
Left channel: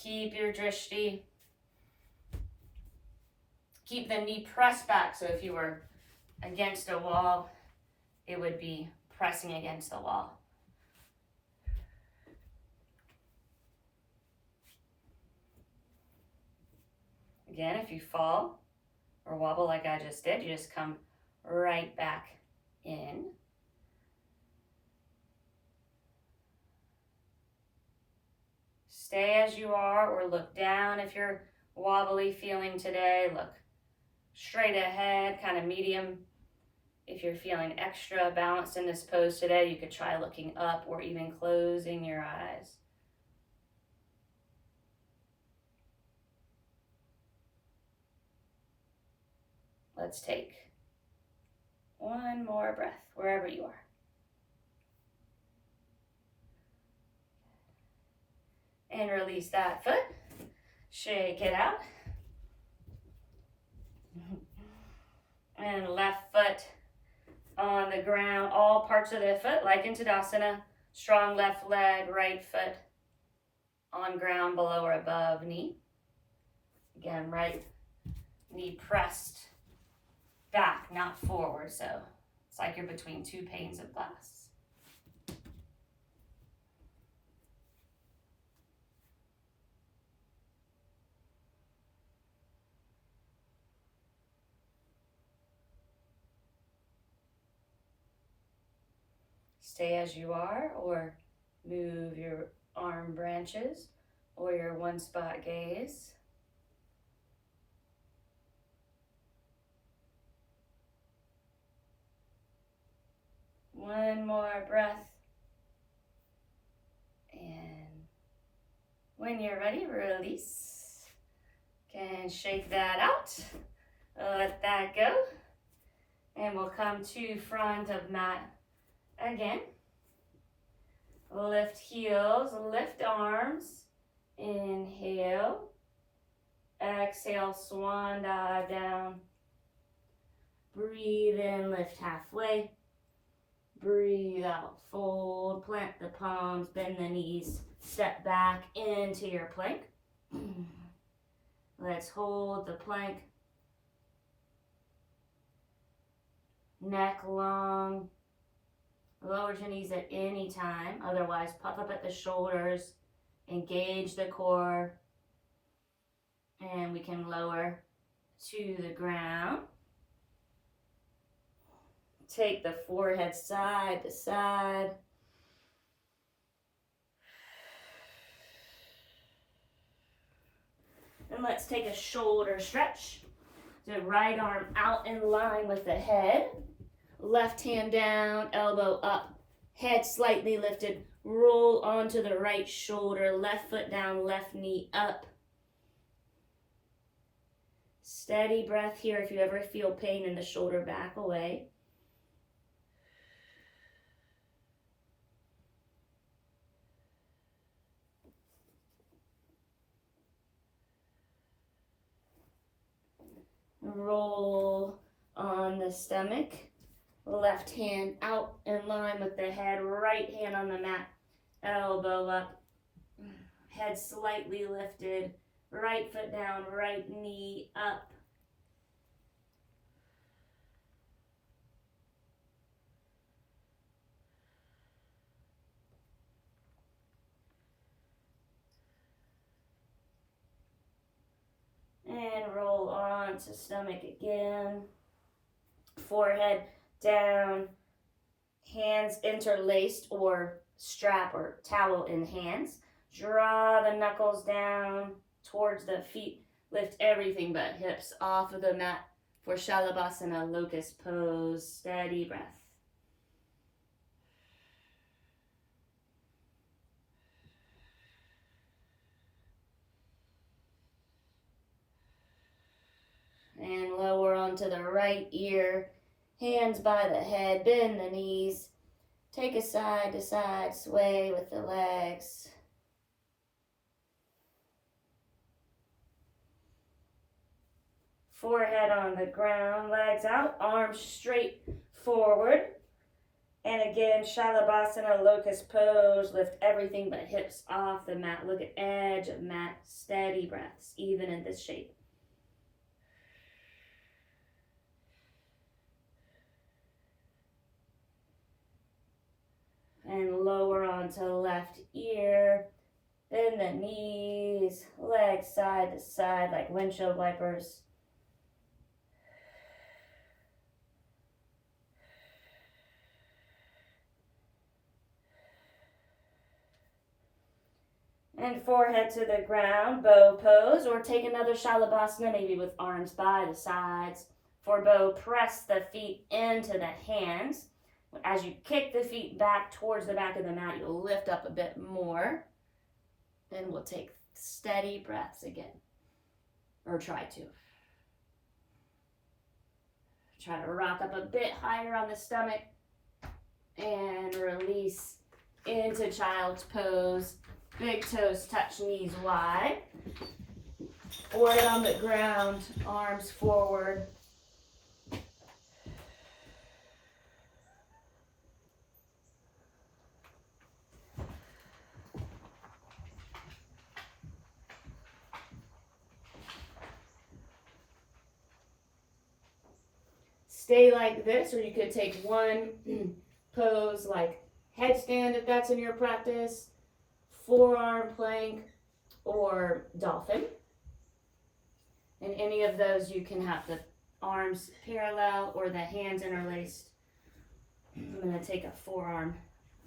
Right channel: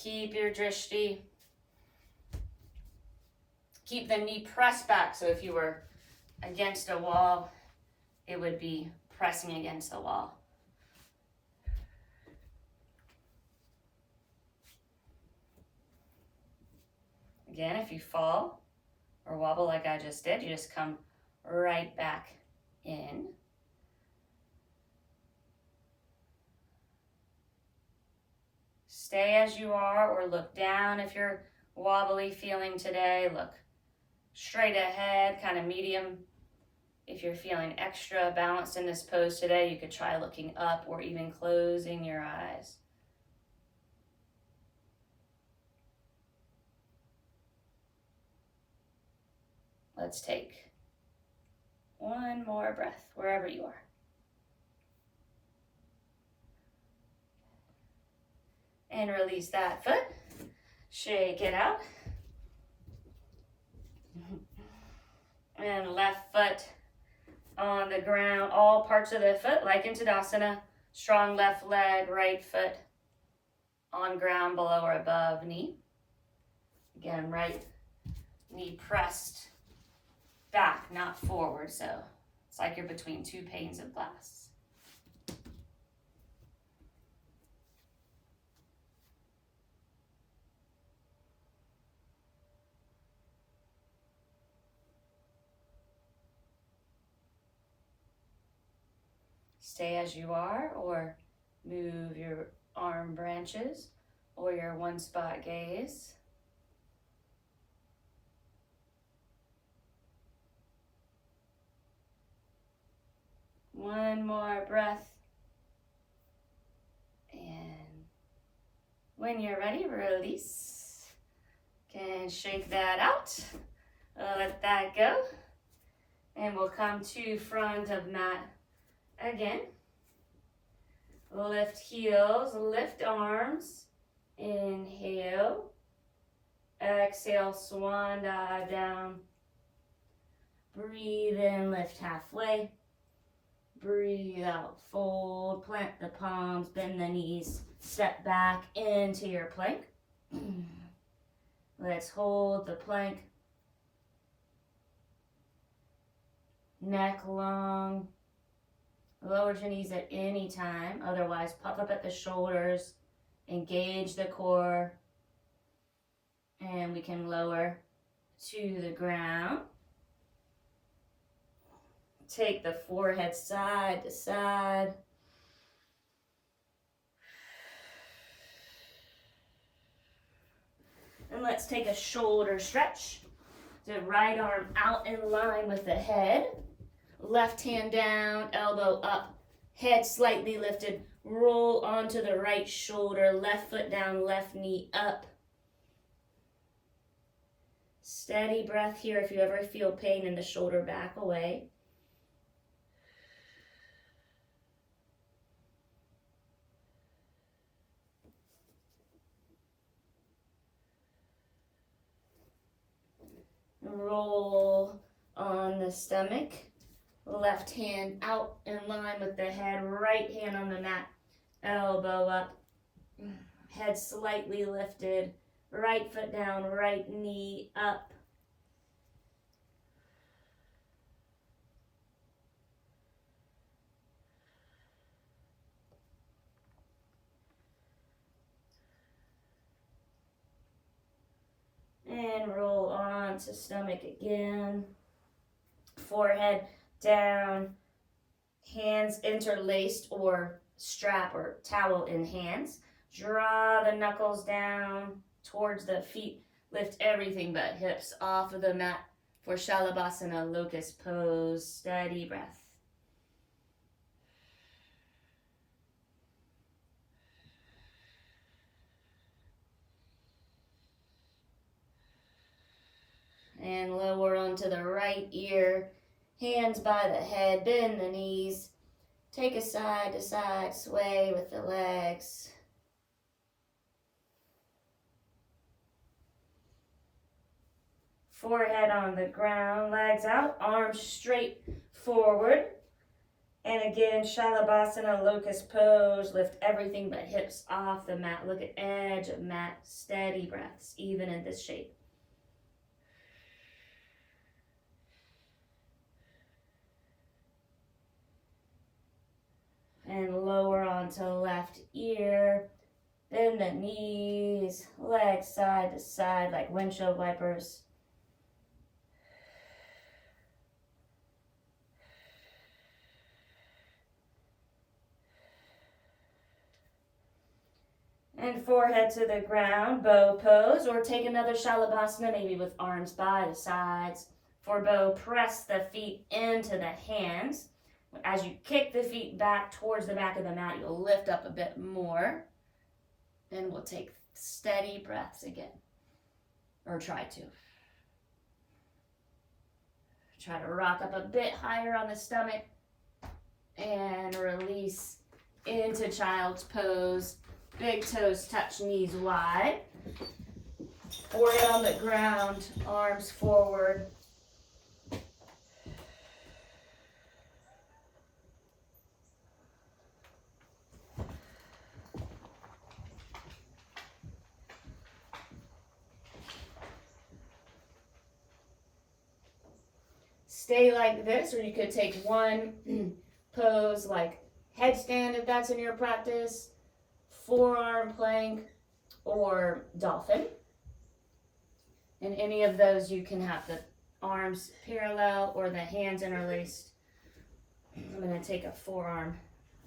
Keep your drishti. Keep the knee pressed back. So if you were against a wall, it would be pressing against the wall. Again, if you fall or wobble like I just did, you just come right back in. Stay as you are or look down if you're wobbly feeling today. Look straight ahead, kind of medium. If you're feeling extra balanced in this pose today, you could try looking up or even closing your eyes. Let's take one more breath wherever you are. And release that foot. Shake it out. And left foot on the ground, all parts of the foot, like in Tadasana. Strong left leg, right foot on ground below or above knee. Again, right knee pressed back, not forward, so it's like you're between 2 panes of glass. Stay as you are, or move your arm branches or your one spot gaze. One more breath. And when you're ready, release. Can shake that out. Let that go. And we'll come to front of mat again. Lift heels, lift arms. Inhale. Exhale, swan dive down. Breathe in, lift halfway. Breathe out, fold, plant the palms, bend the knees, step back into your plank. Let's hold the plank. Neck long. Lower your knees at any time. Otherwise, puff up at the shoulders. Engage the core. And we can lower to the ground. Take the forehead side to side. And let's take a shoulder stretch. The right arm out in line with the head. Left hand down, elbow up, head slightly lifted. Roll onto the right shoulder, left foot down, left knee up. Steady breath here. If you ever feel pain in the shoulder, back away. Roll on the stomach. Left hand out in line with the head. Right hand on the mat. Elbow up. Head slightly lifted. Right foot down. Right knee up. And roll on to stomach again. Forehead down, hands interlaced or strap or towel in hands. Draw the knuckles down towards the feet. Lift everything but hips off of the mat for Shalabhasana, locust pose. Steady breath. And lower onto the right ear. Hands by the head, bend the knees. Take a side to side sway with the legs. Forehead on the ground, legs out, arms straight forward. And again, Shalabhasana, locust pose. Lift everything but hips off the mat. Look at edge of mat. Steady breaths, even in this shape. And lower onto left ear. Bend the knees, legs side to side like windshield wipers. And forehead to the ground, bow pose, or take another Shalabhasana, maybe with arms by the sides. For bow, press the feet into the hands. As you kick the feet back towards the back of the mat, you'll lift up a bit more. And we'll take steady breaths again. Or try to. Try to rock up a bit higher on the stomach. And release into child's pose. Big toes touch, knees wide. Forehead on the ground, arms forward. Stay like this, or you could take one pose like headstand if that's in your practice, forearm plank, or dolphin. And any of those you can have the arms parallel or the hands interlaced. I'm going to take a forearm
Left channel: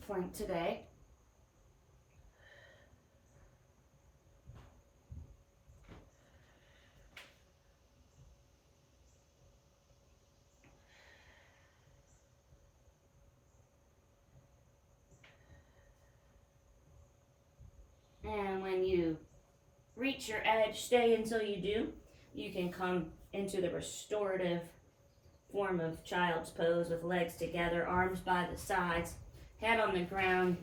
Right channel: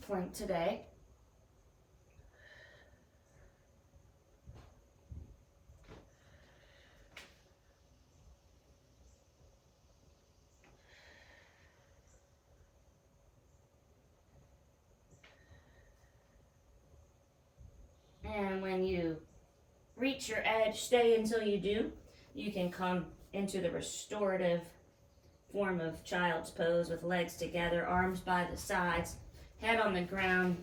point today. And when you reach your edge, stay until you do. You can come into the restorative form of child's pose with legs together, arms by the sides, head on the ground.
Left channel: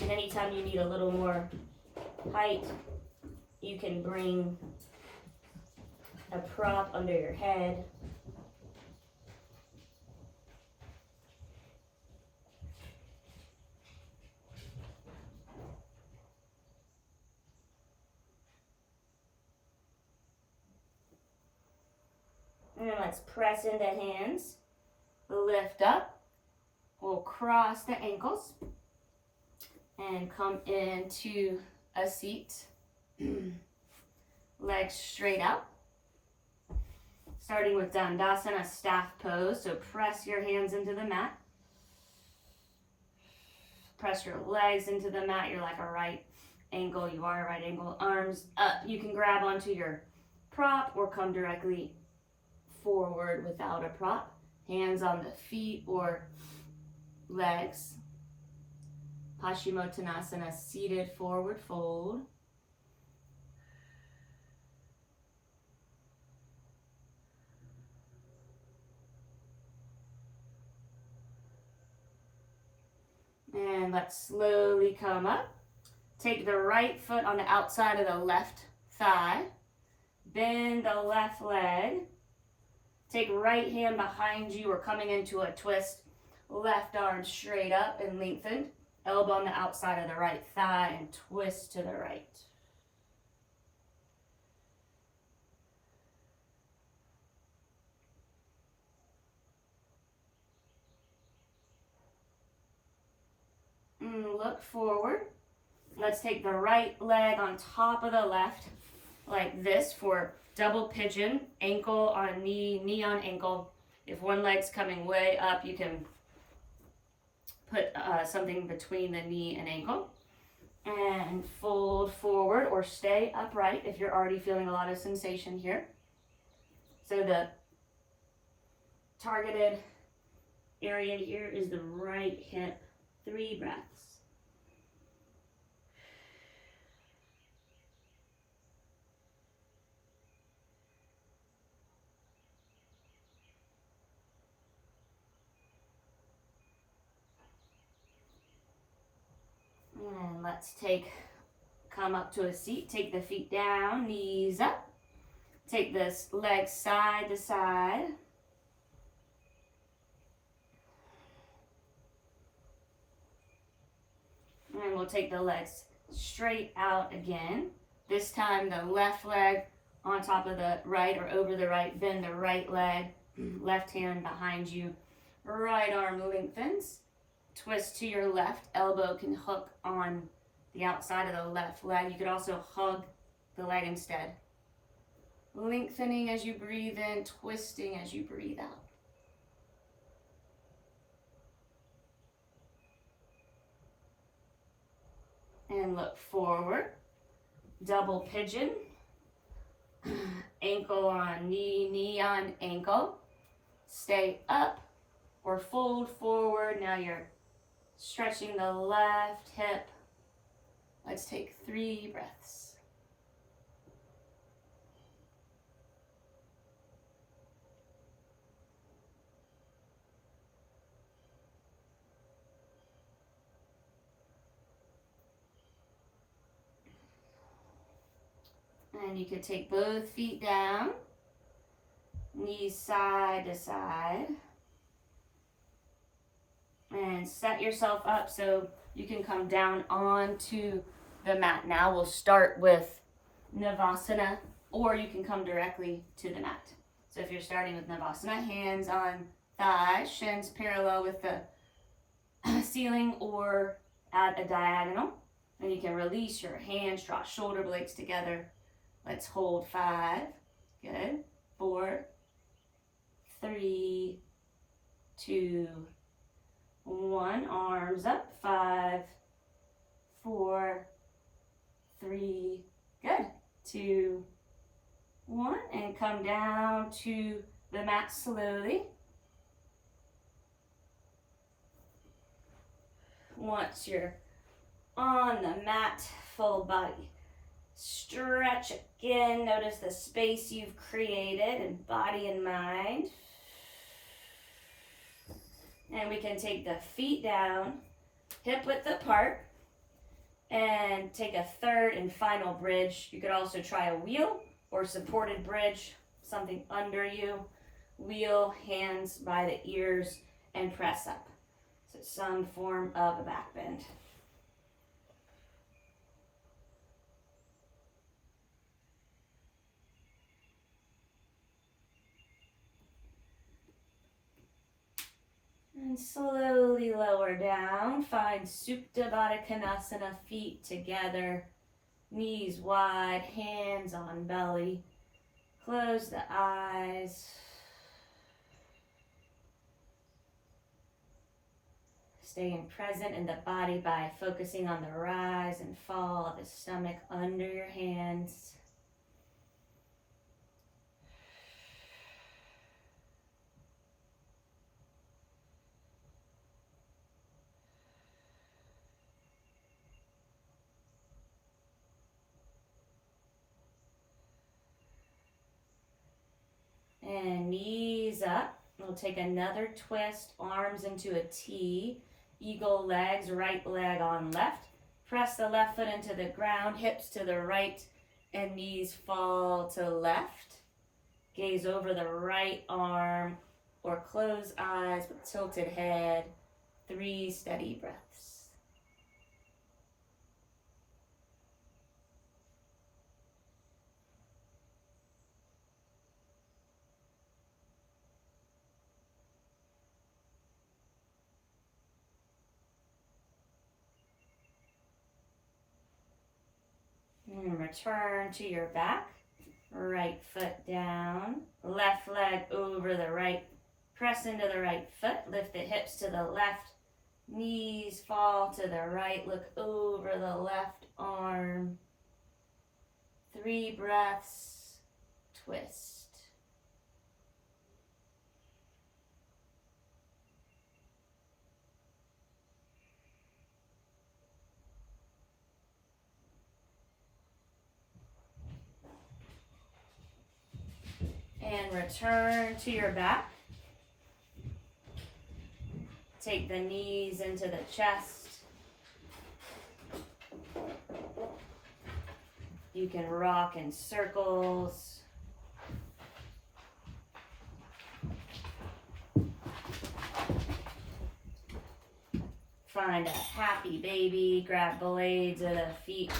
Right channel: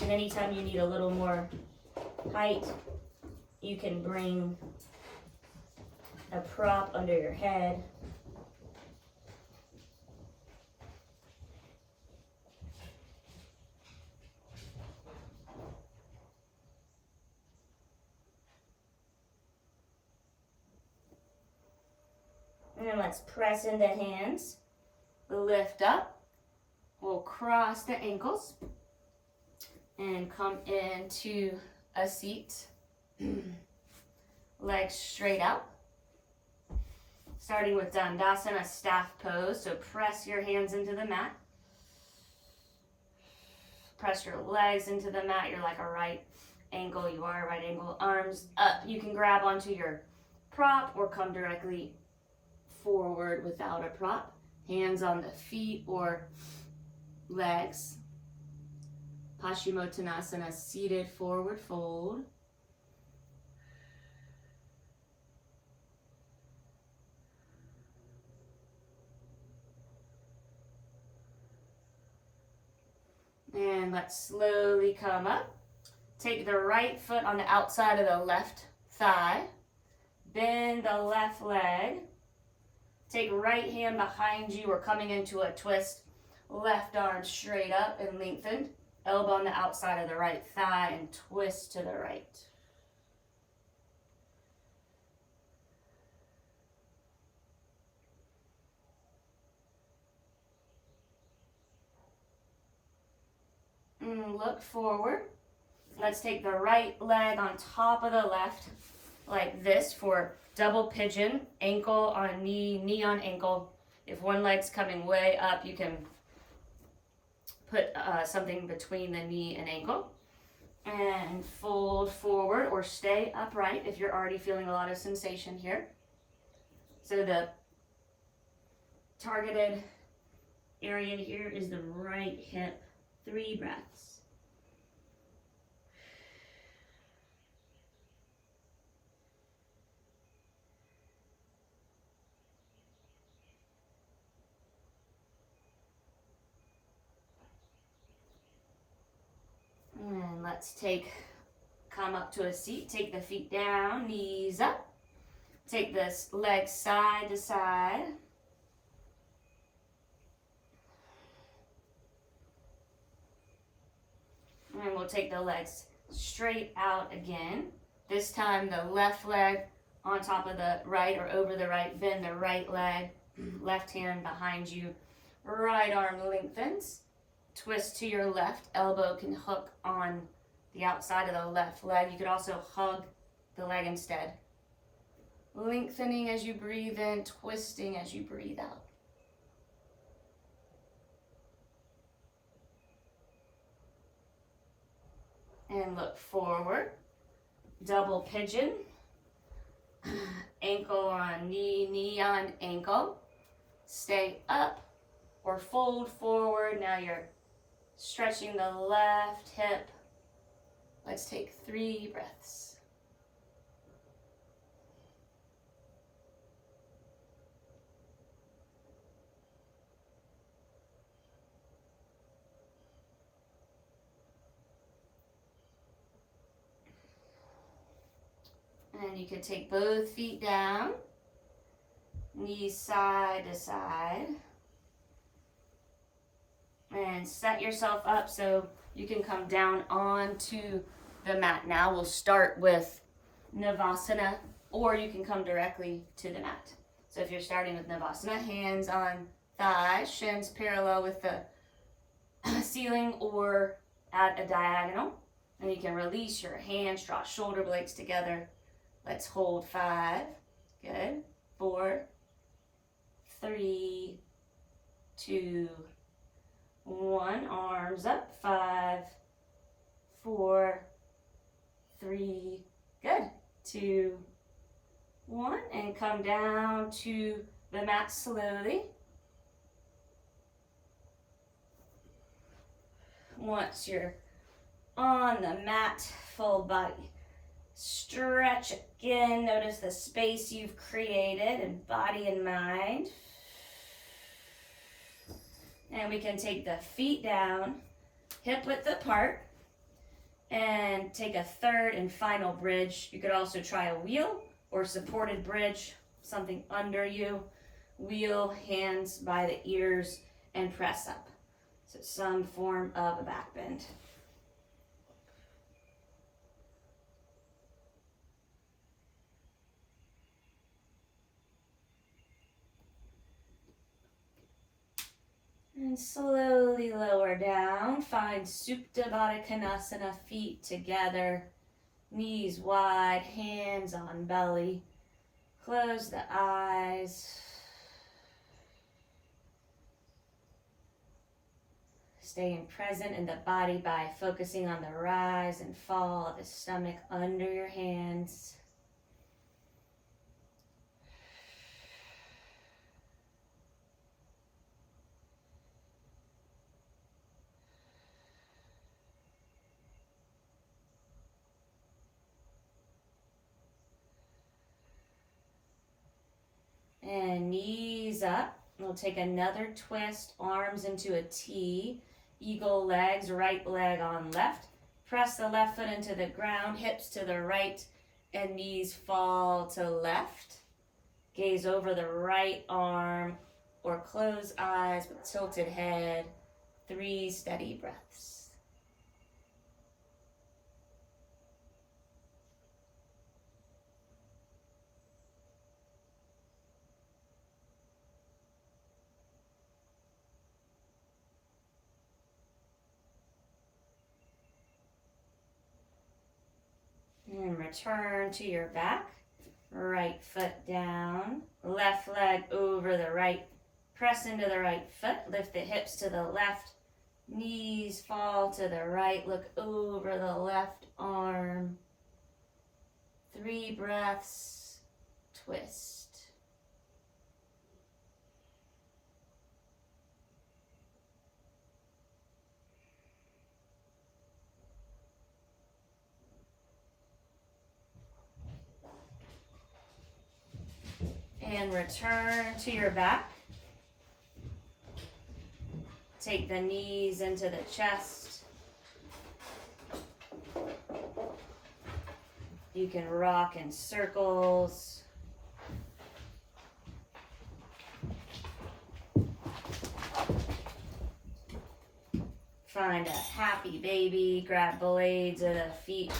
And anytime you need a little more height, you can bring a prop under your head. And let's press into hands. Lift up. We'll cross the ankles and come into a seat. Legs straight out. Starting with Dandasana, staff pose. So press your hands into the mat. Press your legs into the mat. You're like a right angle. You are a right angle. Arms up. You can grab onto your prop or come directly forward without a prop. Hands on the feet or legs. Paschimottanasana, seated forward fold. And let's slowly come up. Take the right foot on the outside of the left thigh. Bend the left leg. Take right hand behind you. We're coming into a twist. Left arm straight up and lengthened. Elbow on the outside of the right thigh and twist to the right. And look forward. Let's take the right leg on top of the left like this for double pigeon, ankle on knee, knee on ankle. If one leg's coming way up, you can put something between the knee and ankle. And fold forward or stay upright if you're already feeling a lot of sensation here. So the targeted area here is the right hip. 3 breaths. And let's come up to a seat, take the feet down, knees up. Take this leg side to side. And we'll take the legs straight out again. This time the left leg on top of the right or over the right. Bend the right leg, left hand behind you. Right arm lengthens. Twist to your left. Elbow can hook on the outside of the left leg. You could also hug the leg instead. Lengthening as you breathe in, twisting as you breathe out. And look forward. Double pigeon. Ankle on knee, knee on ankle. Stay up or fold forward. Now you're stretching the left hip. Let's take 3 breaths. And you could take both feet down, knees side to side. And set yourself up so you can come down onto the mat. Now we'll start with Navasana, or you can come directly to the mat. So if you're starting with Navasana, hands on thighs, shins parallel with the ceiling or at a diagonal. And you can release your hands, draw shoulder blades together. Let's hold 5. Good. 4, 3, 2, 1, arms up, 5, 4, 3, good, 2, 1, and come down to the mat slowly. Once you're on the mat, full body stretch again. Notice the space you've created in body and mind. And we can take the feet down, hip width apart, and take a third and final bridge. You could also try a wheel or supported bridge, something under you. Wheel, hands by the ears, and press up. So some form of a back bend. And slowly lower down. Find Supta Baddha Konasana, feet together, knees wide, hands on belly. Close the eyes. Staying present in the body by focusing on the rise and fall of the stomach under your hands. And knees up. We'll take another twist, arms into a T. Eagle legs, right leg on left. Press the left foot into the ground, hips to the right, and knees fall to left. Gaze over the right arm or close eyes with tilted head. 3 steady breaths. And return to your back. Right foot down, left leg over the right. Press into the right foot, lift the hips to the left. Knees fall to the right, look over the left arm. 3 breaths, twist. And return to your back. Take the knees into the chest. You can rock in circles. Find a happy baby. Grab blades of the feet.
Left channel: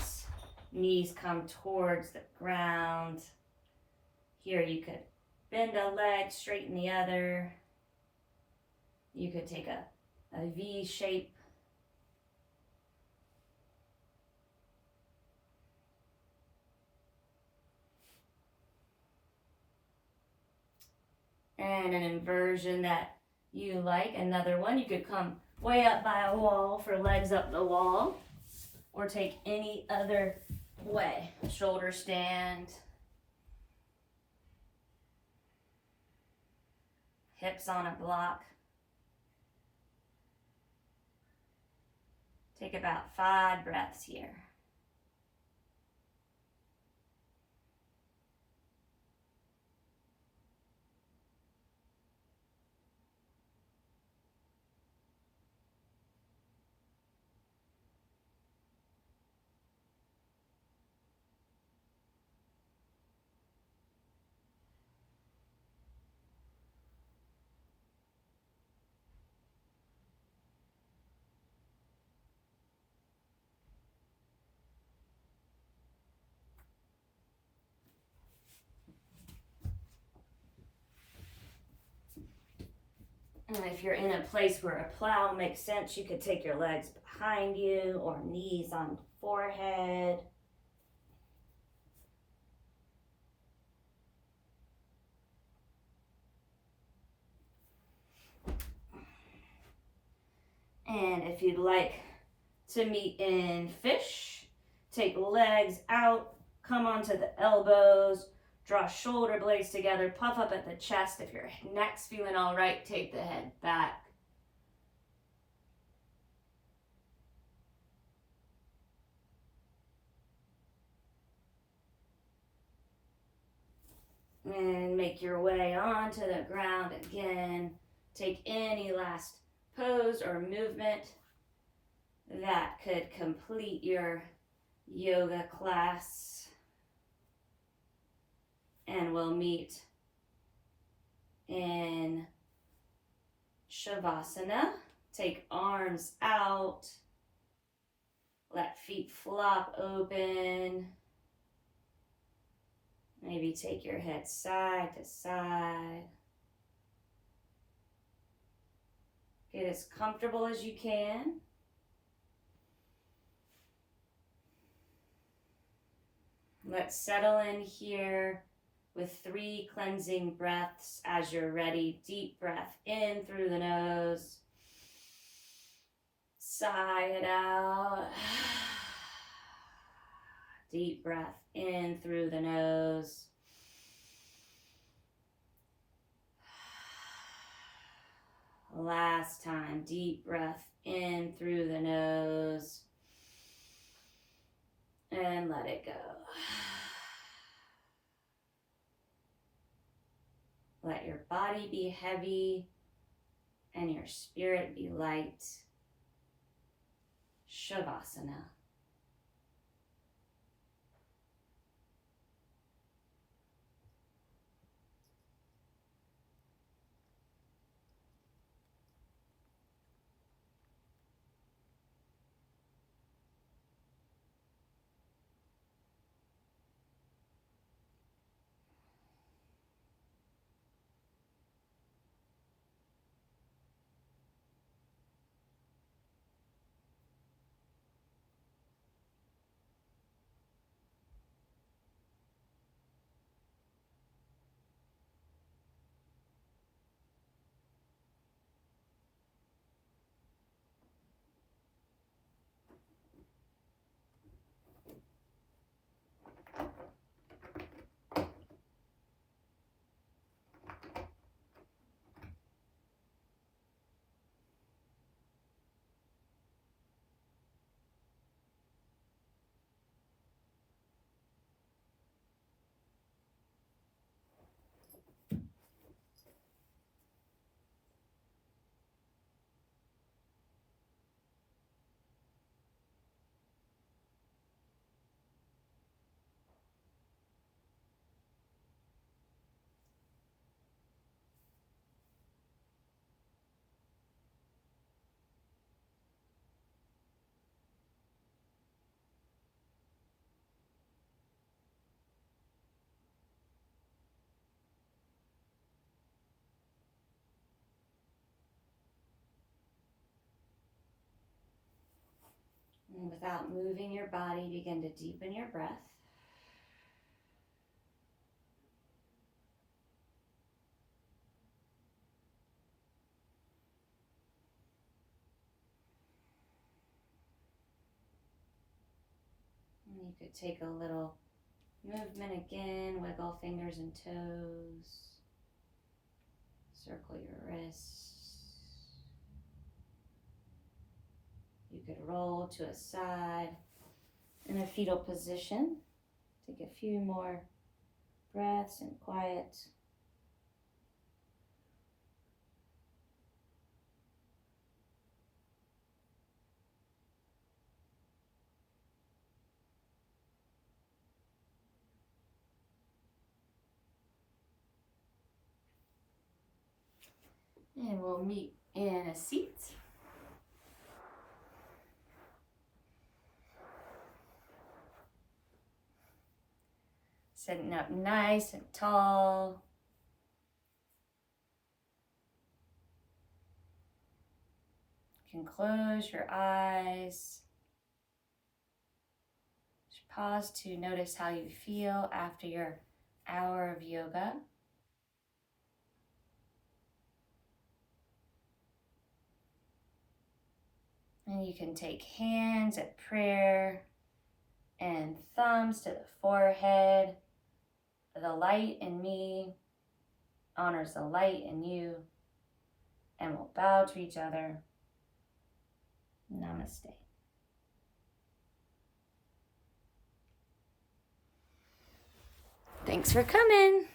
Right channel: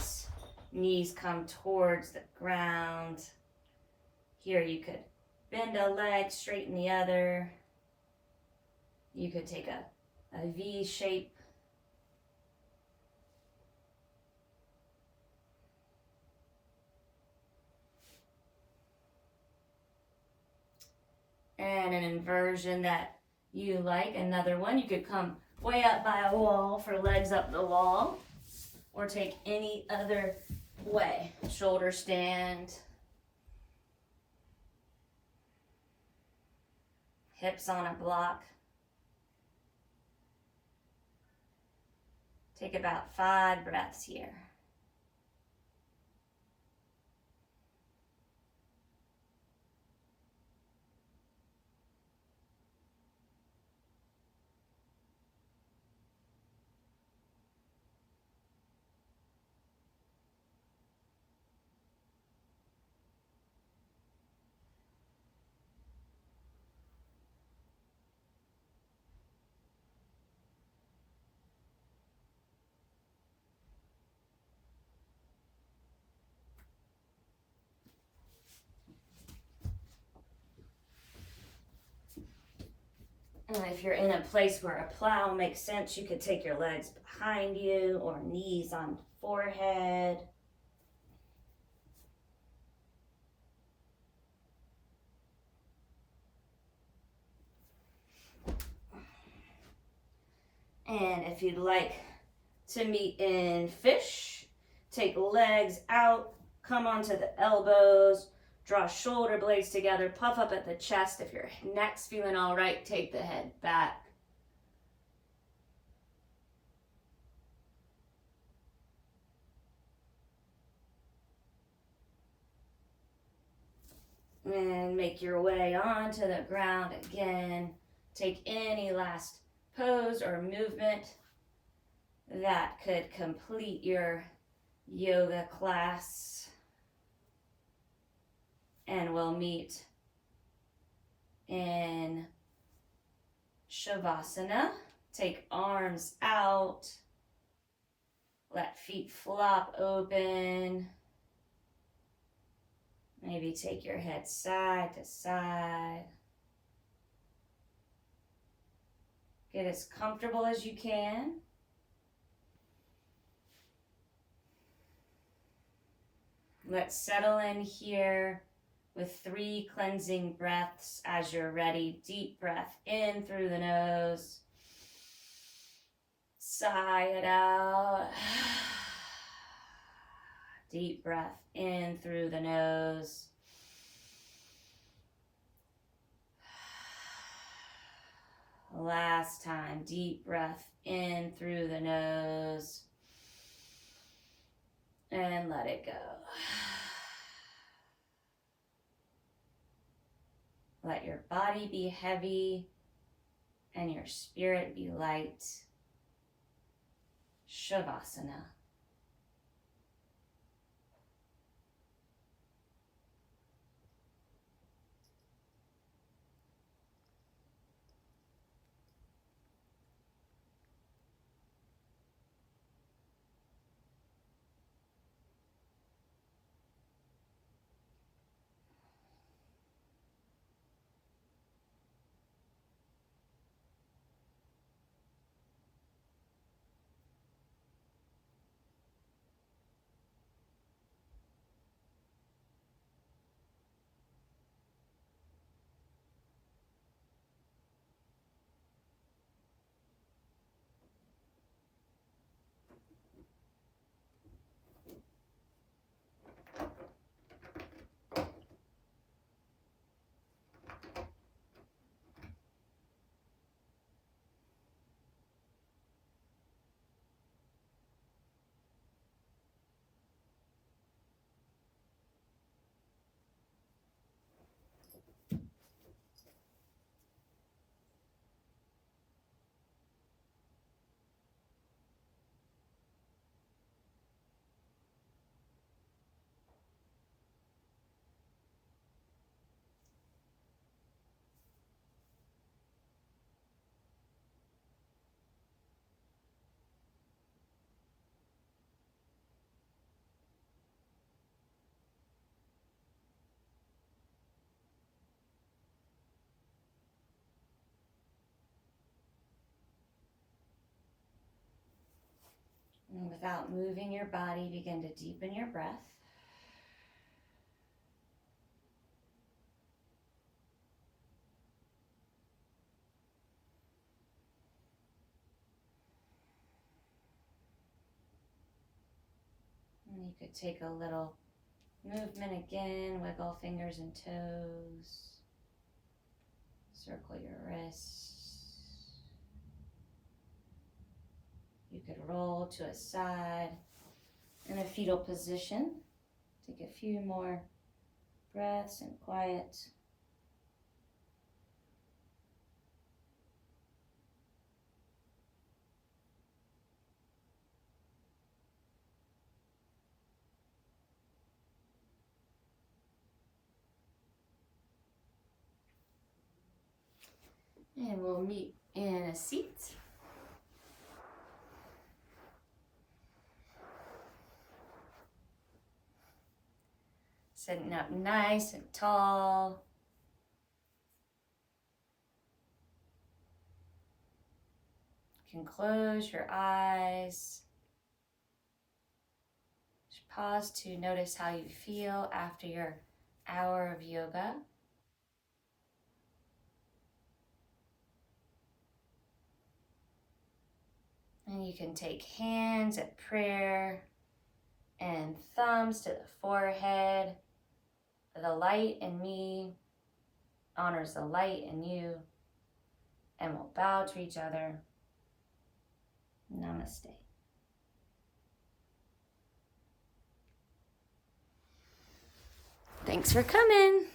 Knees come towards the ground. Here you could bend a leg, straighten the other. You could take a V shape. And an inversion that you like, another one. You could come way up by a wall for legs up the wall, or take any other way. Shoulder stand. Hips on a block. Take about 5 breaths here. And if you're in a place where a plow makes sense, you could take your legs behind you or knees on forehead. And if you'd like to meet in fish, take legs out, come onto the elbows, draw shoulder blades together, puff up at the chest. If your neck's feeling all right, take the head back. And make your way onto the ground again. Take any last pose or movement that could complete your yoga class. And we'll meet in Shavasana. Take arms out. Let feet flop open. Maybe take your head side to side. Get as comfortable as you can. Let's settle in here with 3 cleansing breaths as you're ready. Deep breath in through the nose. Sigh it out. Deep breath in through the nose. Last time, deep breath in through the nose. And let it go. Let your body be heavy and your spirit be light. Shavasana. And without moving your body, begin to deepen your breath. And you could take a little movement again, wiggle fingers and toes, circle your wrists. You could roll to a side in a fetal position. Take a few more breaths and quiet. And we'll meet in a seat. Sitting up nice and tall. You can close your eyes. Just pause to notice how you feel after your hour of yoga. And you can take hands at prayer and thumbs to the forehead. The light in me honors the light in you. And we'll bow to each other. Namaste. Thanks for coming.